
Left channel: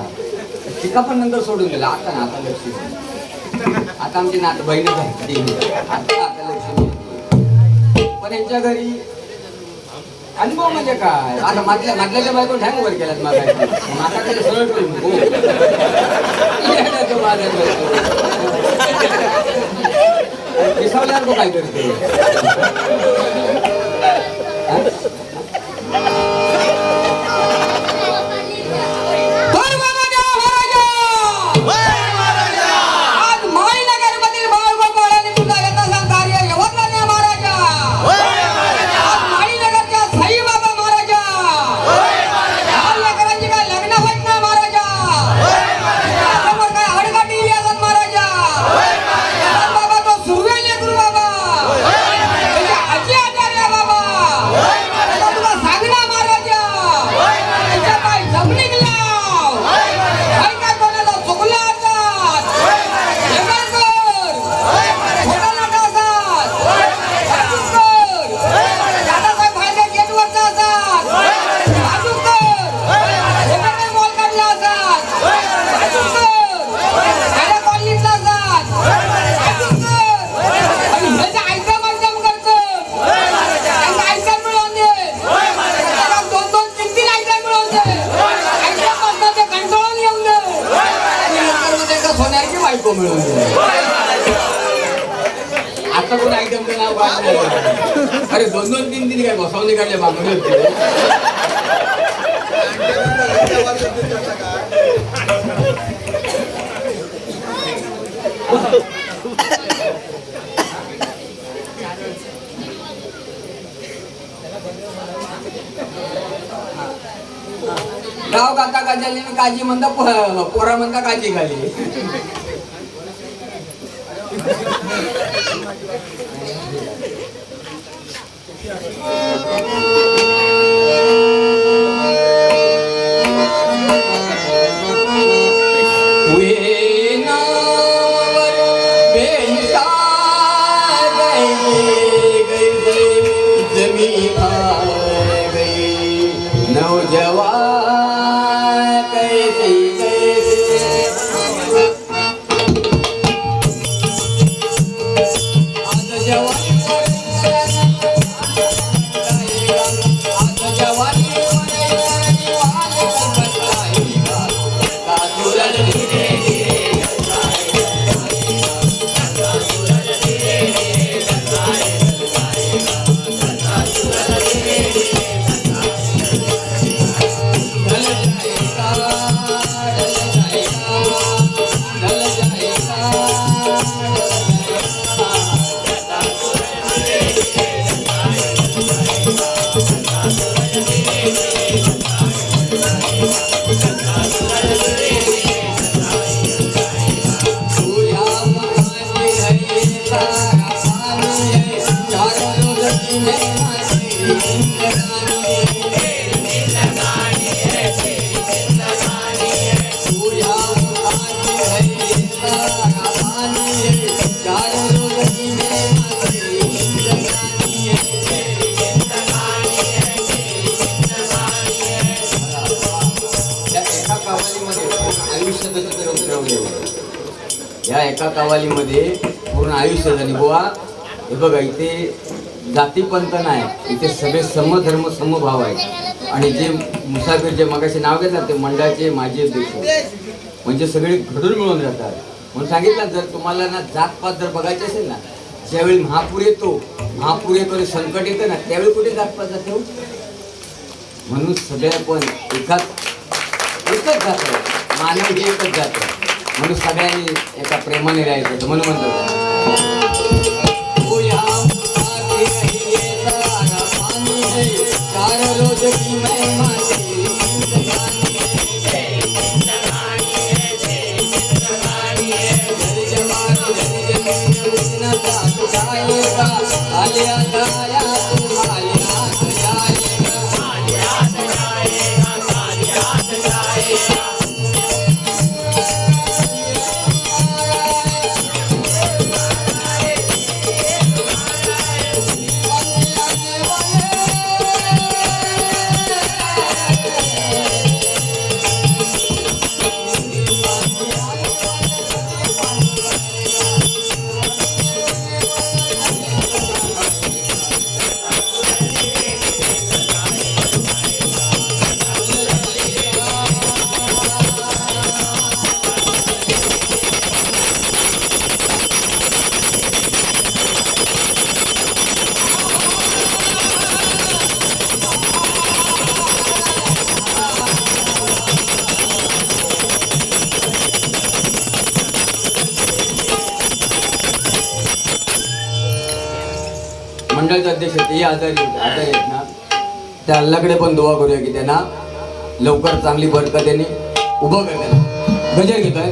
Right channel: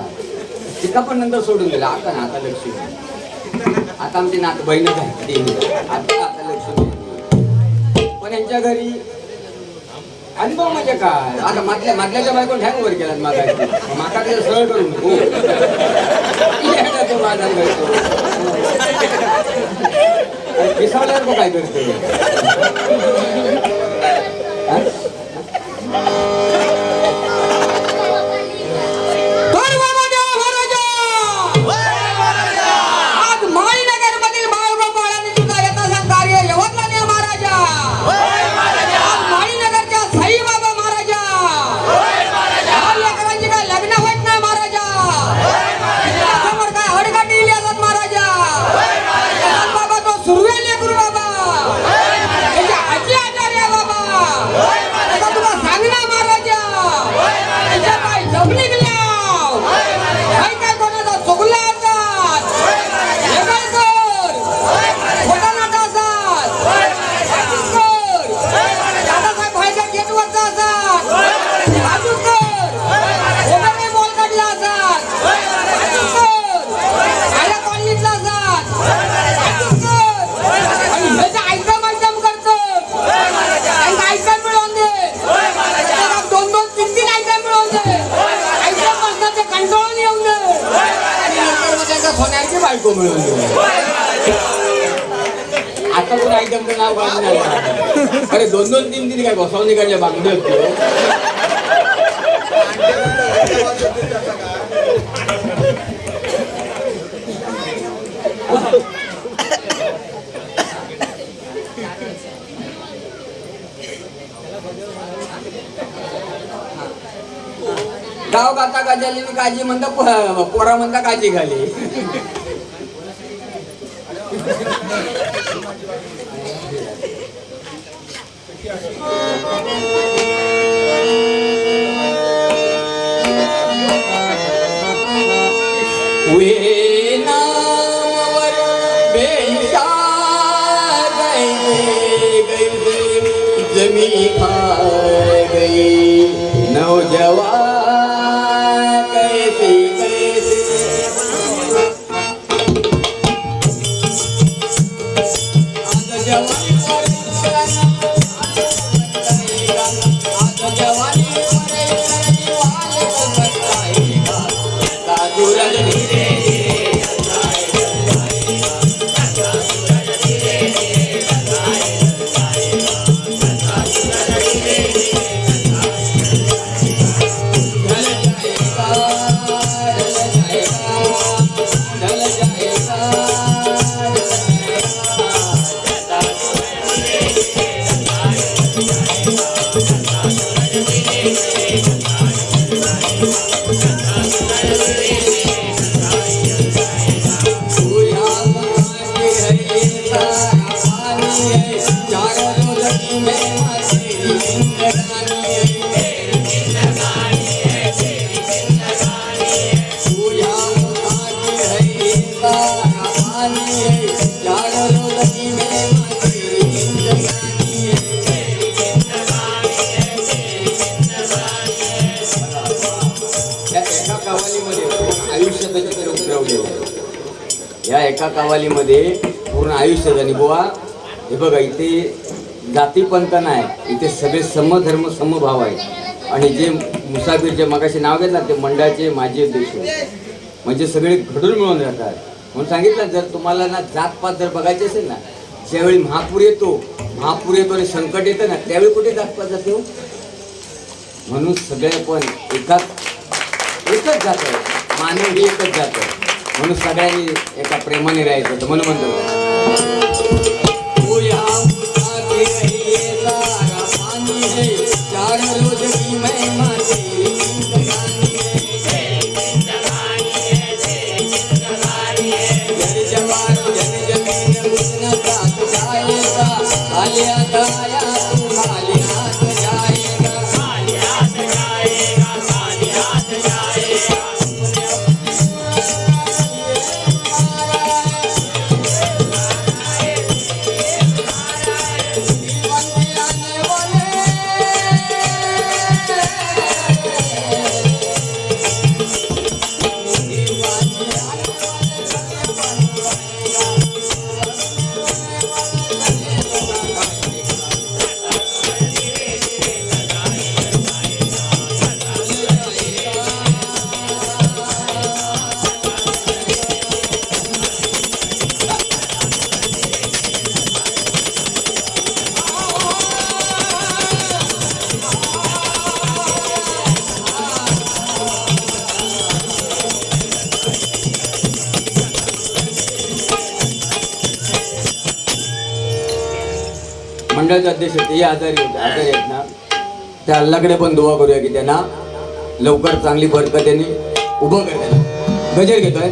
तिका पण नंतर सोडून दिला. आता ना आता लक्ष्मी. आता आमची नात बहीणच आहे. आता आता लक्ष्मी. पण यांच्या घरी अनुभव म्हणजे काय आता मधल्याच्या बायको ठॅंग वर केल्यात माका त्याला सरळ करू नको येण्याचं माझा करतो विसावल्यावर तो काय करतो बायको मिळून आता कोण एकदम नाव काढणार अरे 2-2-3 काय बसवणी काढल्या मागणी होती गाव गाता गाजाली काजी म्हणता पोरा म्हणता काजी घाली या एका कवालीमध्ये पूर्ण आयुष्य झाली बुवा हे बघा इथे जातीपंथ नाही इथे सगळे समधर्म समभाव आहेत आणि जे मुसाफिर जे मगाशी नाव घेतात ते मंडळाचे माजी अध्यक्ष म्हणजे सगळे घडून मिळून राहतात म्हणून सांगितलं जर तुम्हाला ना जातपात जर बघायचे असेल ना ज्यावेळी महापूर येतो आणि संकट येतं ना त्यावेळी कुठे जातपात जातो म्हणून सगळ्या पण एकच जात आहे मानव हे एकच जात आहे म्हणून सगळ्यांनी एका प्रेमाने राहायचं म्हणून म्हणतो मंडळाचे अध्यक्ष होते, हे आजारी आहेत ना, त्या अल्लाकडे पण दुआ करूया की त्यांना लवकर चांगली बरकतीने उभं करताय. गजर घेतोय,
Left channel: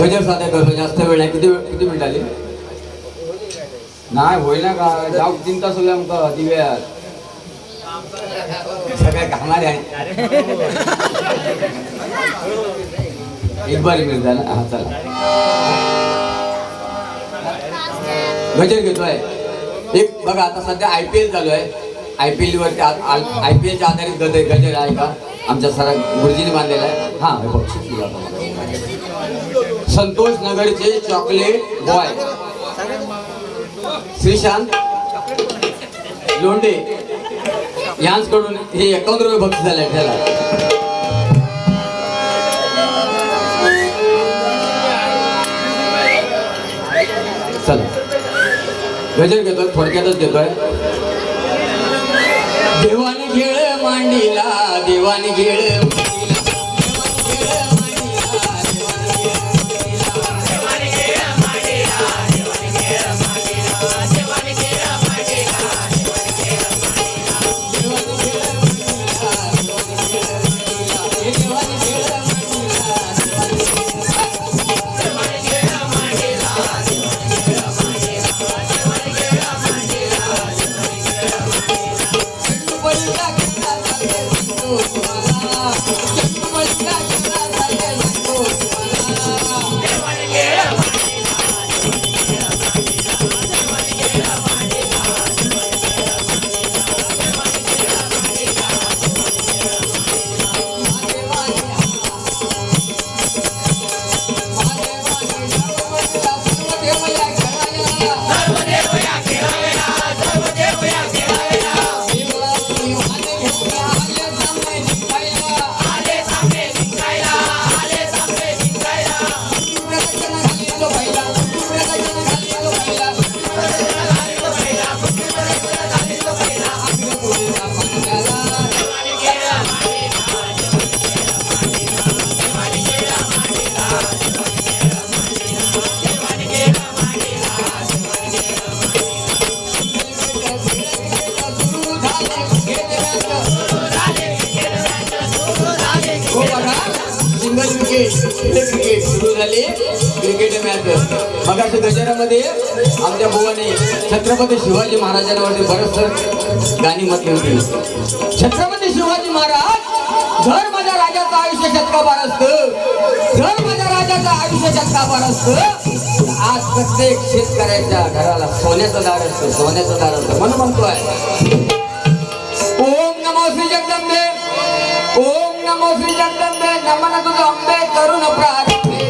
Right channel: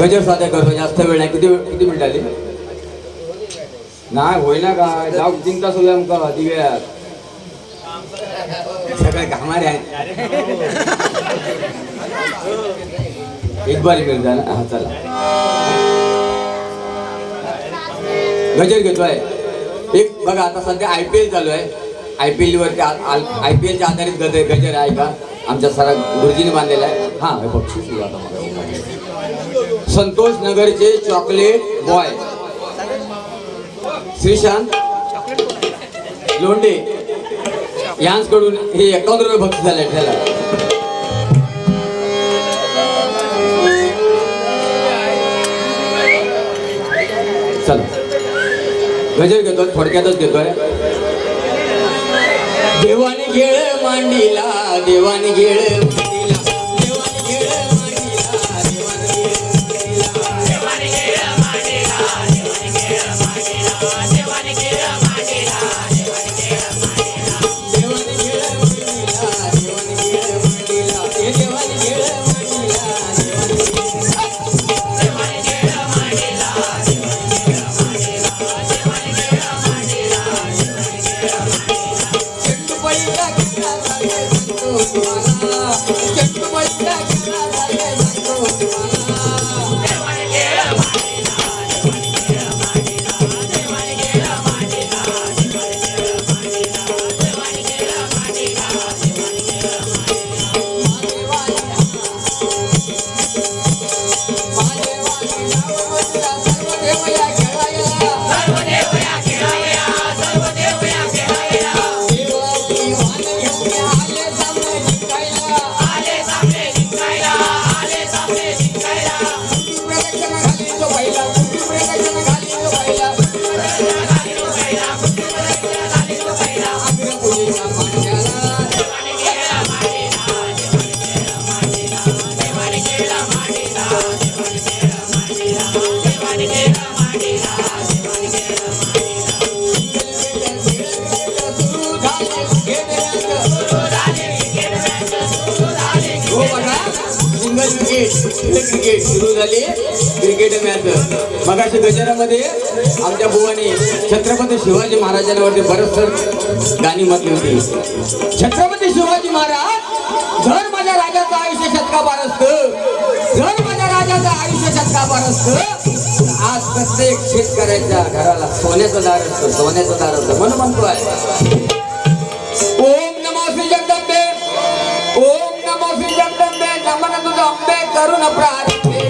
गजर साध्या करतो, जास्त वेळ नाही. किती मिनिट आली नाही होईना का? जाऊ 3 तास होईल आमका दिव्यात, सगळे कामारे आहेत. एक बारी मिळत ना. हा चला, गजर घेतोय. एक बघा आता सध्या IPL चालू आहे. IPL वरती IPLच्या आधारित गजर आहे का आमच्या सरा गुरुजीने बांधलेला आहे. हा बक्षीस संतोष नगरचे चॉकलेट बॉय श्रीशांत लोंढे यांकडून हे 51 रुपये बक्षीस झाले त्याला. चला गजर घेतोय, थोडक्यातच घेतोय. देवाने घेळ मांडीला, देवाने घेळ क्रिकेट सुरू झाली. क्रिकेट मॅच मगाशी गजरामध्ये आमच्या बुवाने छत्रपती शिवाजी महाराजांवरती बरंच गाणी म्हटली होती. छत्रपती शिवाजी महाराज, जर माझ्या राजाचं आयुष्य शतकापार असतं, जर माझ्या राजाचं आयुष्य शतकापार असतं, आज प्रत्येक शेतकऱ्याच्या घराला सोन्याचं दार असतं, सोन्याचं दार असतं. म्हणून म्हणतोय ओम नमो श्री जगदंबे, ओम नमो श्री जगदंबे, नमन तुझं अंबे करुण प्रार्थने.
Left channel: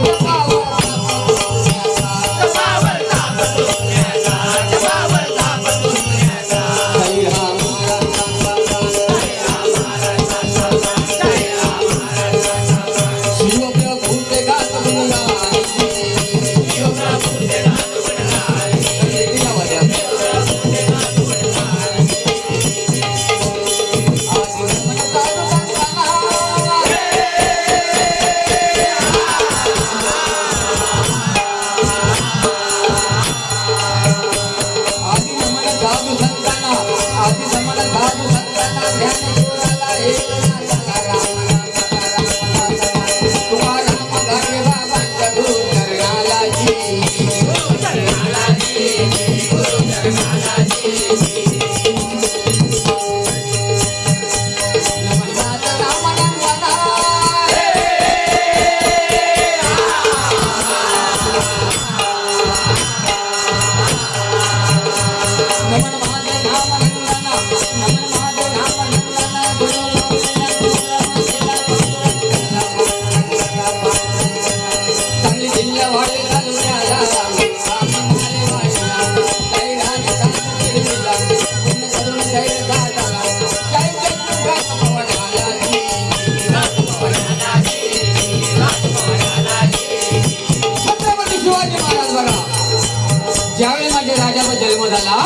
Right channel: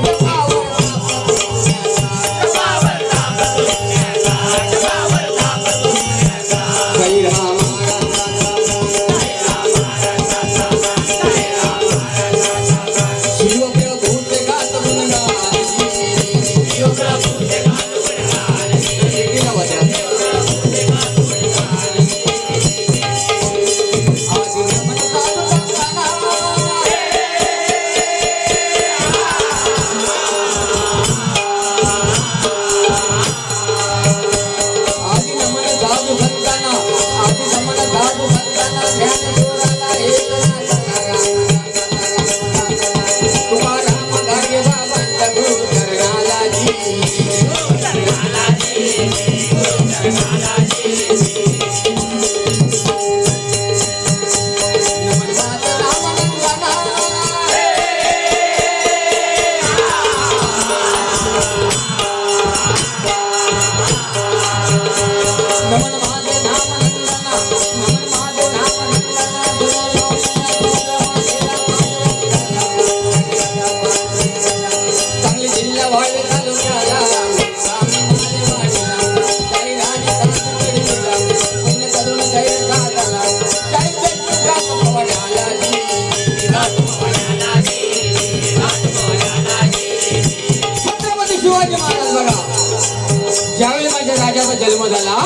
जन्म झाला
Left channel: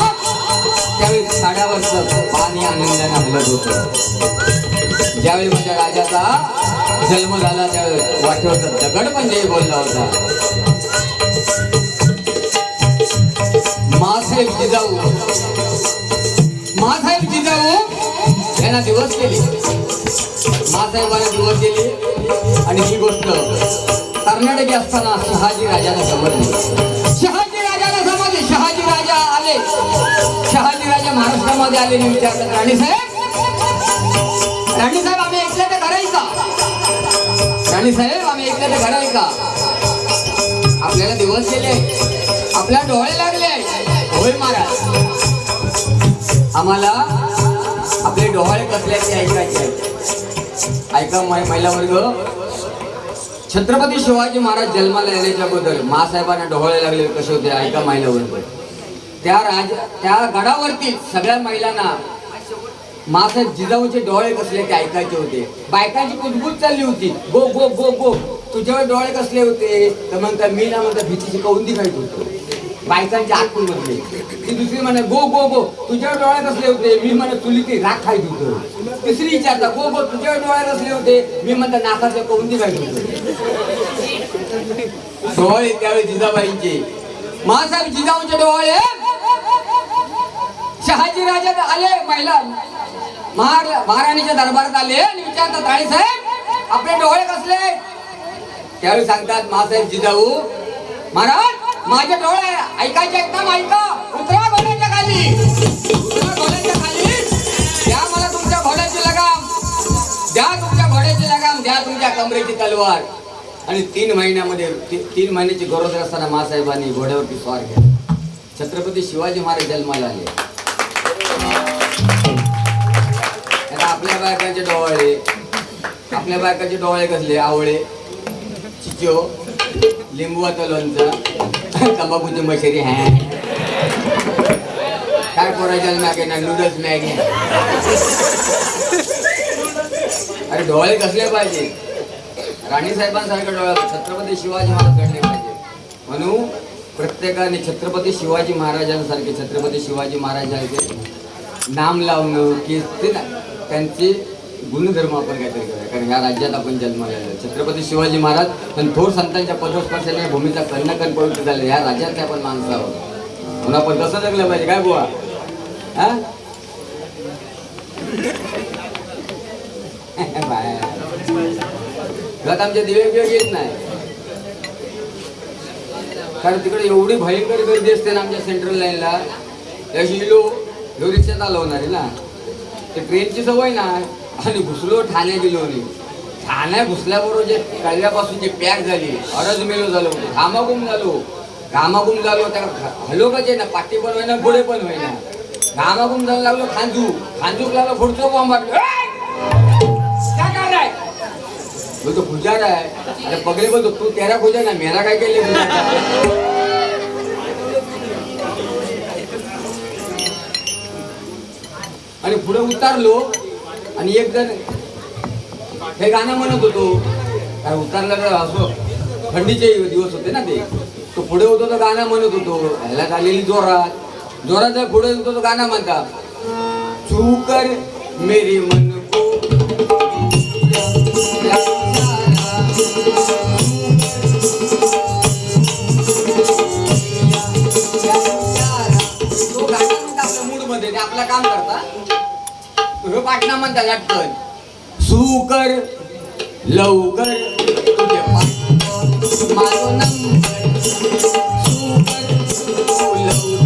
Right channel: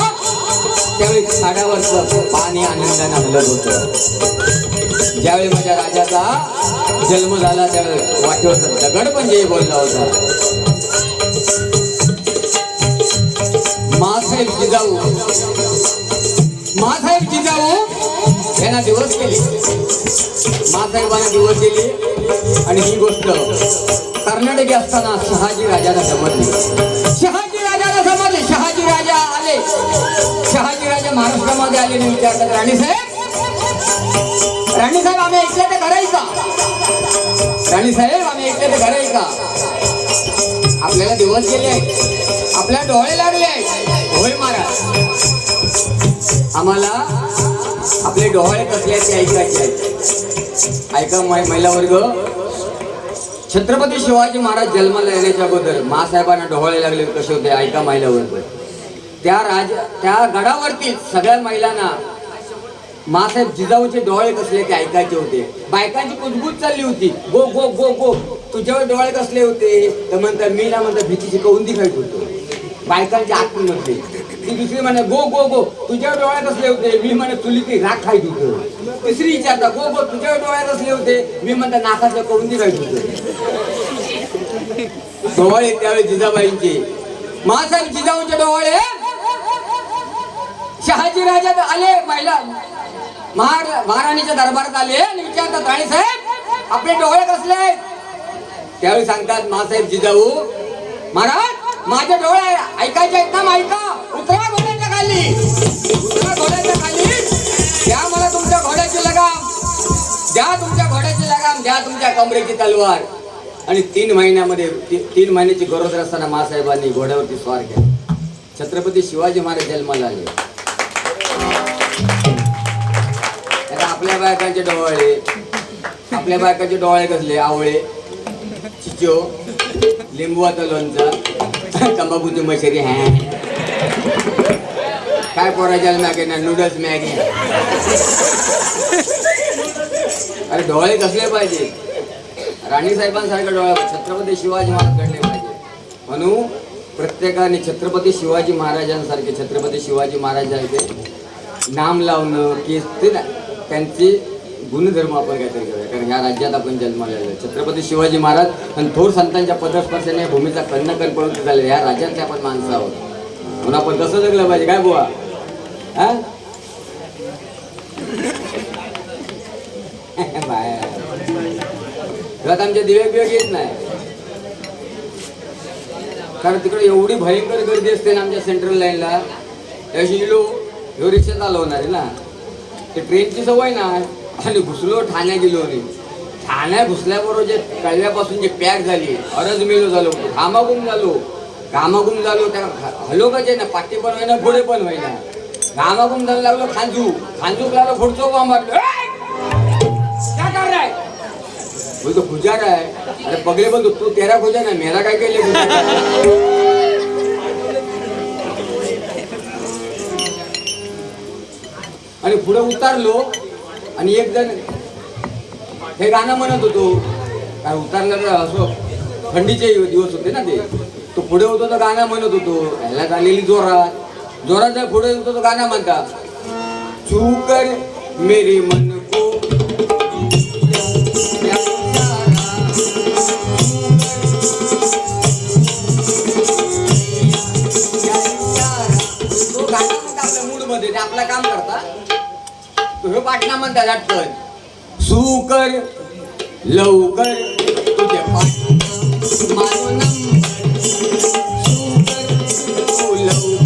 त्यावेळी साड्यावरचं पाणी आनंदाने हलत होतं. ज्यावेळी माझ्या राजाचा जन्म झाला त्यावेळी वाटेवर दगड पण जय बोलला होता. मासे जिजाऊ यांना दिवस केले, मासाहेबांना दिवस दिले. आणि ही गोष्ट कर्नाटकी असताना शहाजी राजाला समजली. शहाजी राजाला समजले. शहाजी राजा आले. शहाजी राजा महाराष्ट्रामध्ये आले आणि विचारतात, राणीसाहेब आम्ही ऐकले ते खरं आहे का? राणीसाहेब आम्ही ऐकले ते खरं आहे का? आपल्याला दिवस गेले, आपल्याला डोळे लागले. होय महाराज, आम्हाला आपले डोळे कसले ते ऐकायचे आहेत. ऐका महिला वर्ग, छत्रपती शिवाजी महाराज जन्माला येण्याच्या अगोदर मासाहेबांना डोळे लागले कसे होते ऐका महिला वर्ग. त्या गडावरती सगळ्या महिलांना मासाहेब जिजाऊचे डोळे कसले ते ऐकायचे होते. बायकांची कुजबूज चालली होती, गो गो गो गो. तुझ्यावर डोळे कसले होते तर म्हणता मी ना म्हणता भीतीची कौंदी खायत होतो. बायकांच्या आतमध्ये ती दुसरी म्हणे गो गो गो. तुझ्यावर डोळे कसले होते? मी म्हणे चुलीची राख खायत होतो. तिसरी विचारता गो गो तुझ्यावर डोळे कसले होते? मी म्हणता नाकाच्या कौंदी खायत होतो. डोळे त्यावेळी जिजाबाईंचे. मासाहेब जिजाऊंचे डोळे शहाजी राजा आले, महिला महाराणीच्या दरबारात आले आणि विचारतात, राणीसाहेब आपले डोळे कसले? त्यावेळी सांगतात मासाहेब जिजाऊ, महाराज माझे डोळे ऐकायचे आहेत ना? ऐका, उतरा घोड्याच्या खाली, उतरा घोड्याच्या खाली. द्या मला तुमच्या घोड्याची लगाम, द्या तुमच्या घोड्याची लगाम, द्या तुमच्या कमरेची तलवार. आणि 3 महिन्याची गरोदर असताना मासाहेबांनी घोड्यावरती स्वार केला. छत्रपती शिवाजी महाराज जन्माला आले. आपल्या बायकांचे डोळे, आपल्या बायकांचे डोळे कसले? आवळे, चिचो, लिंबूचं लोणचं, तंबाखूची मशेरी. काय कोरायच्या मॅगी ना, नूडल्स मॅगी. अरे डोळे कसले पाहिजे? राणीसाहेबांसारखे डोळे छत्रपती शिवाजी महाराज घडले पाहिजे. म्हणून प्रत्येकाने छत्रपती शिवाजी महाराजांसारखे, छत्रपती शिवाजी महाराजांसारखे नाम लावणं की ते ना त्यांचे गुणधर्म आपण काहीतरी करूया. कारण या राज्यात आपण जन्माला आलो. छत्रपती शिवाजी महाराज आणि थोर संतांच्या पदस्पर्शाने भूमीचा कण पवित्र झाले. या राज्यातले आपण माणसं आहोत म्हणून आपण कसं जगलं पाहिजे. काय बुवा? हा घरात आमचे दिवे बिवे घेत नाही. कारण तिकडे एवढी भयंकर गर्दी असते ना आमच्या सेंट्रल लाईनला. त्याशी लो रिक्षात आलो होणार आहे ना, ते ट्रेनची सवय ना. आणि घुसलो ठाण्यात गेलो नाही. ठाण्यात घुसल्याबरोबर जे कळव्यापासून जे पॅक झाली, अरज मेलो झालो, घामाघूम झालो. त्या हलो कसे ना, पाठी पण होईना पुढे पण होईना. घामाघूम झालं लागलो. खांजूक लागलो, पुढचो काम मारलो. काय करणार? बोलतो पुजार आहे. अरे पगले बोलतो तू तेरा पूजा ना, मेरा काय केलं? आणि पुढे उतारलो आणि एक जण हे गाणं म्हणत होतो. काय उतारलं तर असो, थंडीचे दिवस होते ना ते. तो पुढे होतो तो गाणं म्हणत होतो. ह्याला झालेली जोरात पुढे होतो तो गाणं म्हणता, तू कर मेरी मन को तो गाणं म्हणता आपल्या मूड मध्ये, ते आपलं काम करता. तो पाटणा म्हणता लाटकन, सुकर लवकर तुझे माझो नंबर, सुकर लवकर.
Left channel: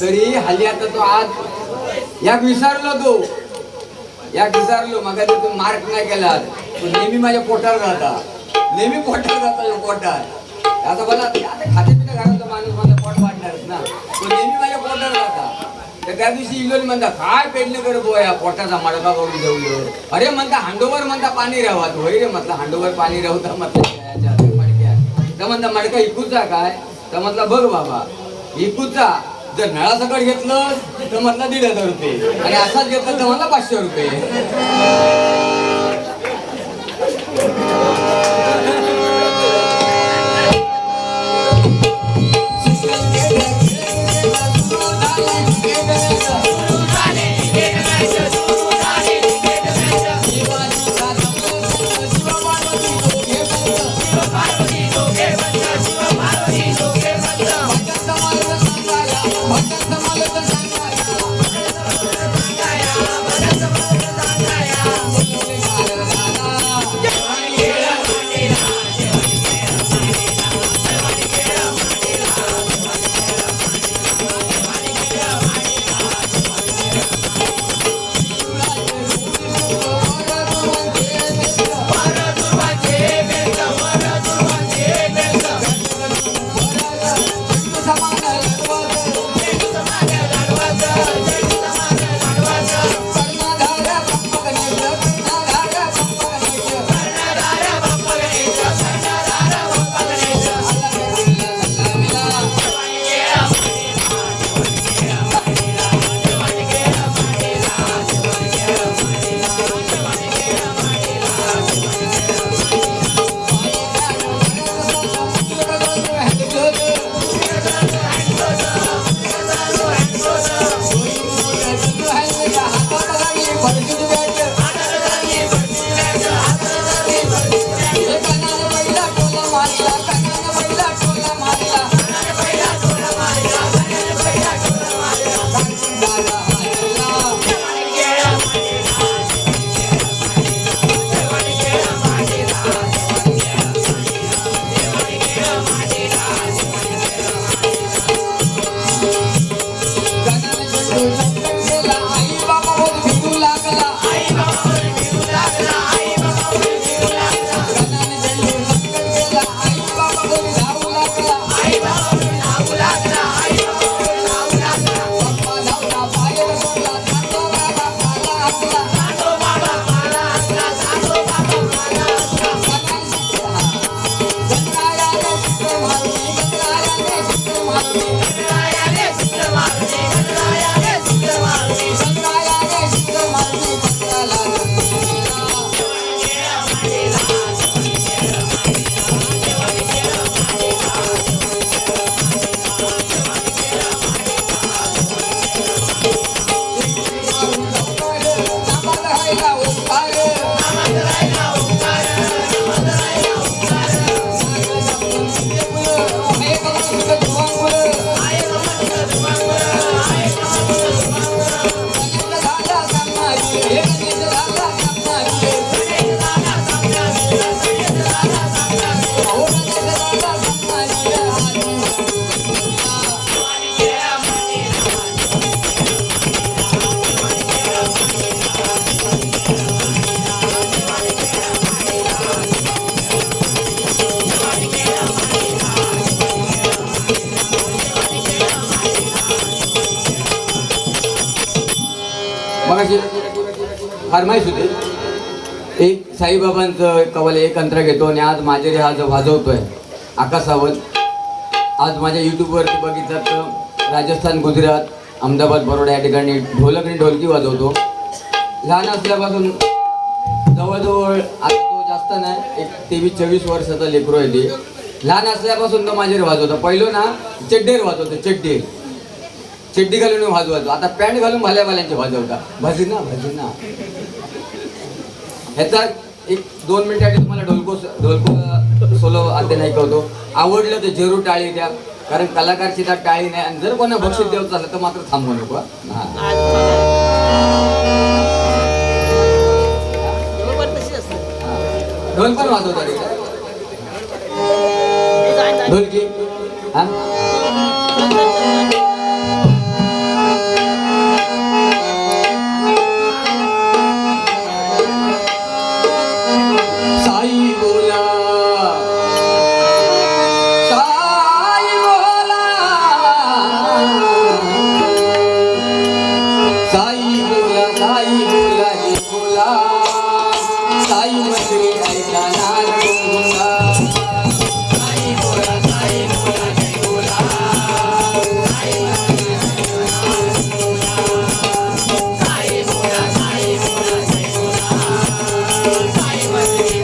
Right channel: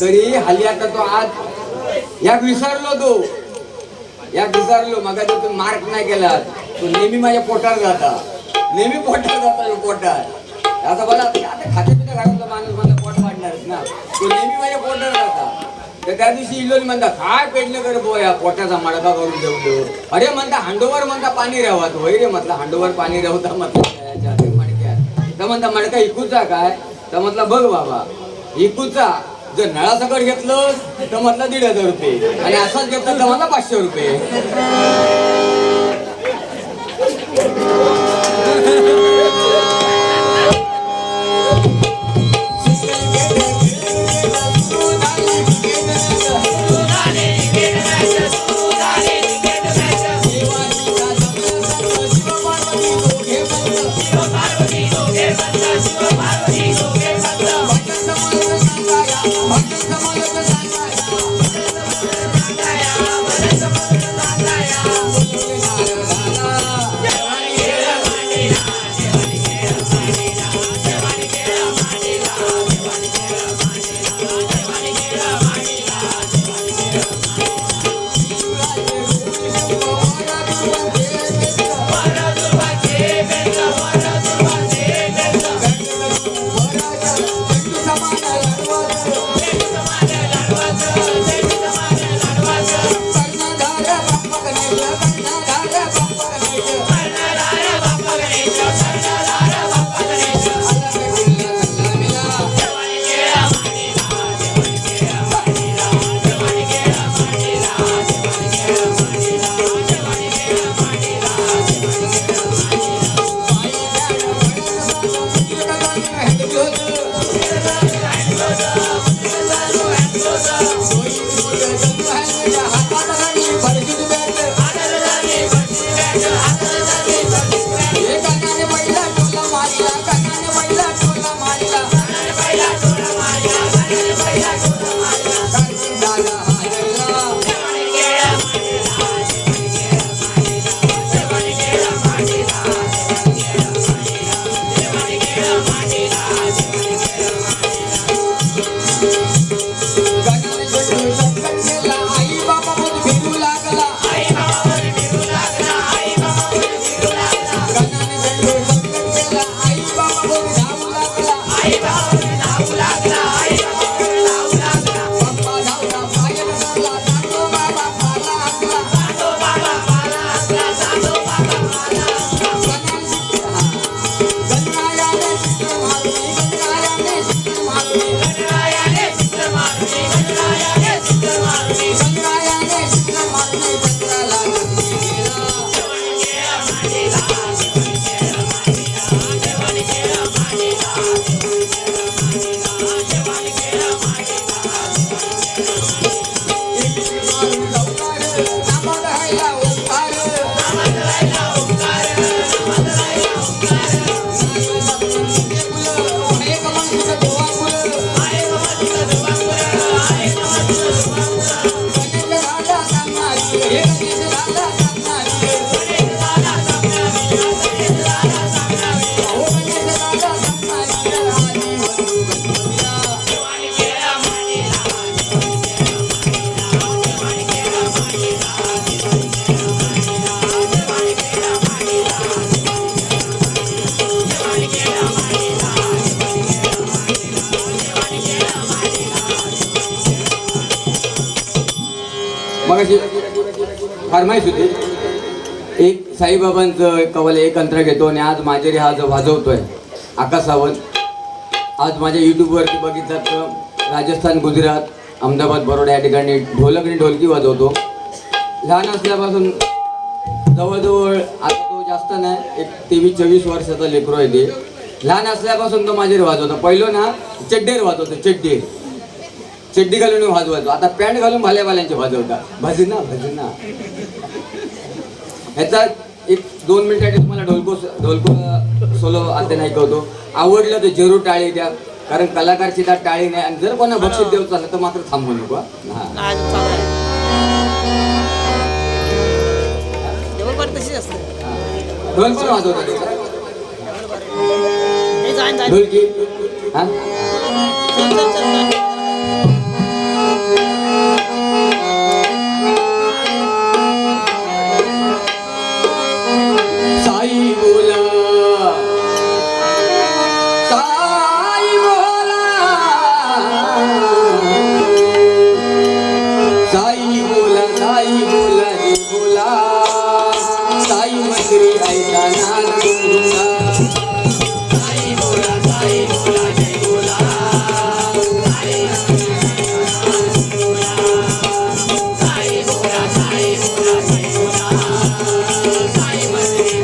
तरी हल्ली आता तो आज याक विसरलो मग तो मार्क नाही केला. तो नेहमी माझ्या पोटावर जाता पोटात. आता बोला आता खाते पिता घरातला माणूस माझा पोट वाढणारच ना. तो नेहमी माझ्या पोटावर जाता. तर त्या दिवशी इलोनी म्हणता काय पेडणं कर बोया, पोटाचा मडका करून ठेवलं. अरे म्हणता हांडोवर म्हणता पाणी राहत. होय रे म्हटलं हांडोवर पाणी राहता म्हटलं मडक्यात. तर म्हणता मडका इकूचा काय? तर म्हटलं बघ बाबा इकूचा. जर नळासकट घेतलं तर म्हटलं 1,500 रुपये आणि असाच घेतलं तर मला 500 रुपये. मगाशी फरमाईश होती एक साईबाबांचं कवल एक अंतर घेतो आणि आज माझे हा जो वाजवतोय आकाश सावंत आज माझ्या यूट्यूबवरती बघितलं तर राजस्थान गुजरात अहमदाबाद बरोडा या ठिकाणी ढोलक आणि ढोलकी वाजवतो. लहान असल्यापासून जवळजवळ आता तो जास्त नाही एक 23-24 वर्षाचा लेकरू आहे ते. लहान असल्यापासून तो माझ्यावर वाजवतो. पहिलं ना चड्डीवर वाजवतो चड्डी घालून वाजवायचो. आता पॅन्ट घालून भाल्यावाल्यांचे वाजवता भजना ह्याचा एक 2 मिनिटासाठी तुम्हाला ढोलको सोलो आता नाही कळतो. आवडलं तर जरूर टाळी द्या कारण कलाकारची त्यात टाळी नाही आणि जर कोणा बक्षीस द्यायचं झालं तर मात्र थांबू नको. हा ढोल पण वाजवतात ढोलकी हा साई बोला साई बोला साई बोला साई बोला हे बोला साई मंदिरी ऐका नाद गुंगा साई बोला हे बोला साई बोला हे बोला साई मंदिरी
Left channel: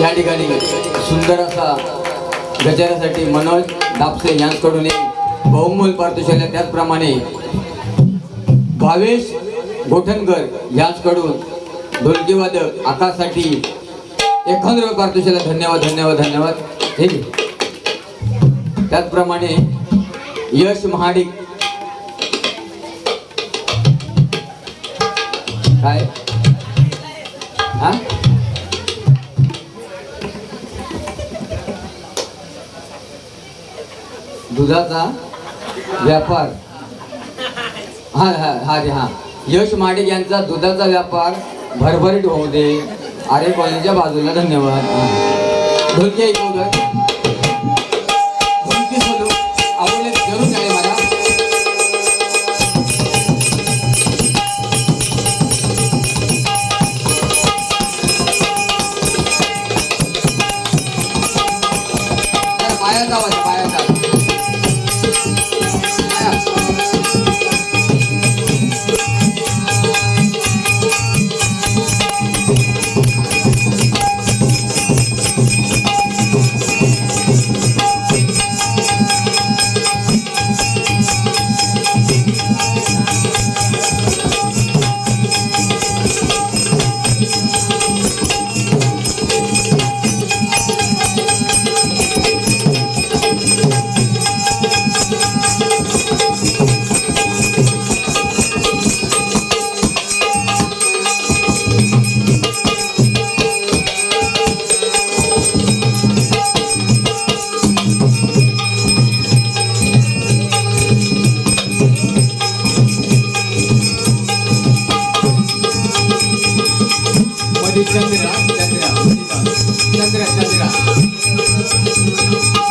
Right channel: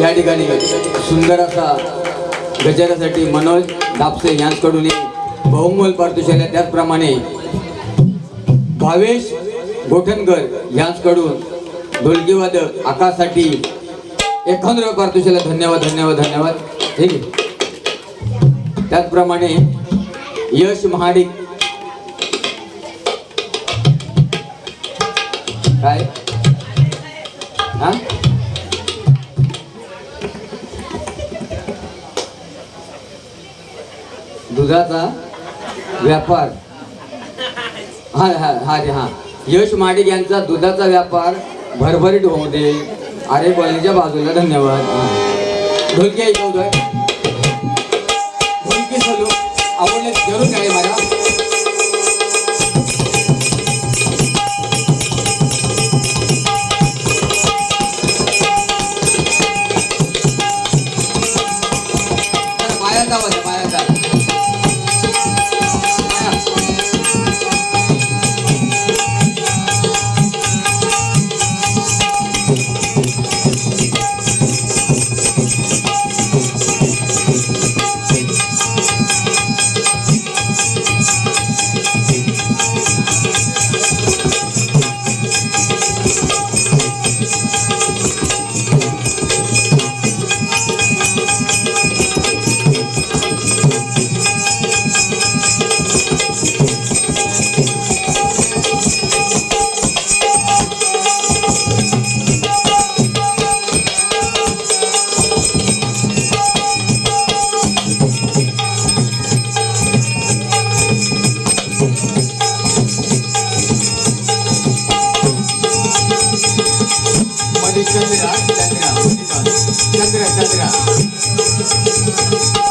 या ठिकाणी सुंदर असा गजरासाठी मनोज दापसे यांच्याकडून बहुमोल पारितोषिक आहे. त्याचप्रमाणे भावेश गोठणकर यांच्याकडून ढोलकीवादक आकाशसाठी 1,000 पारितोषिक. धन्यवाद धन्यवाद धन्यवाद. ठीक आहे. त्याचप्रमाणे यश महाडिक काय हा दुधाचा व्यापार हा हा हा रे हा यश माडिक यांचा दुधाचा व्यापार भरभरीत होऊ दे. अरे कॉलेजच्या बाजूला धन्यवाद. ढोलकी ऐकवतोय ढोलकी चालू आवडले जरूर काय मला चंद्र चंद्र चंद्र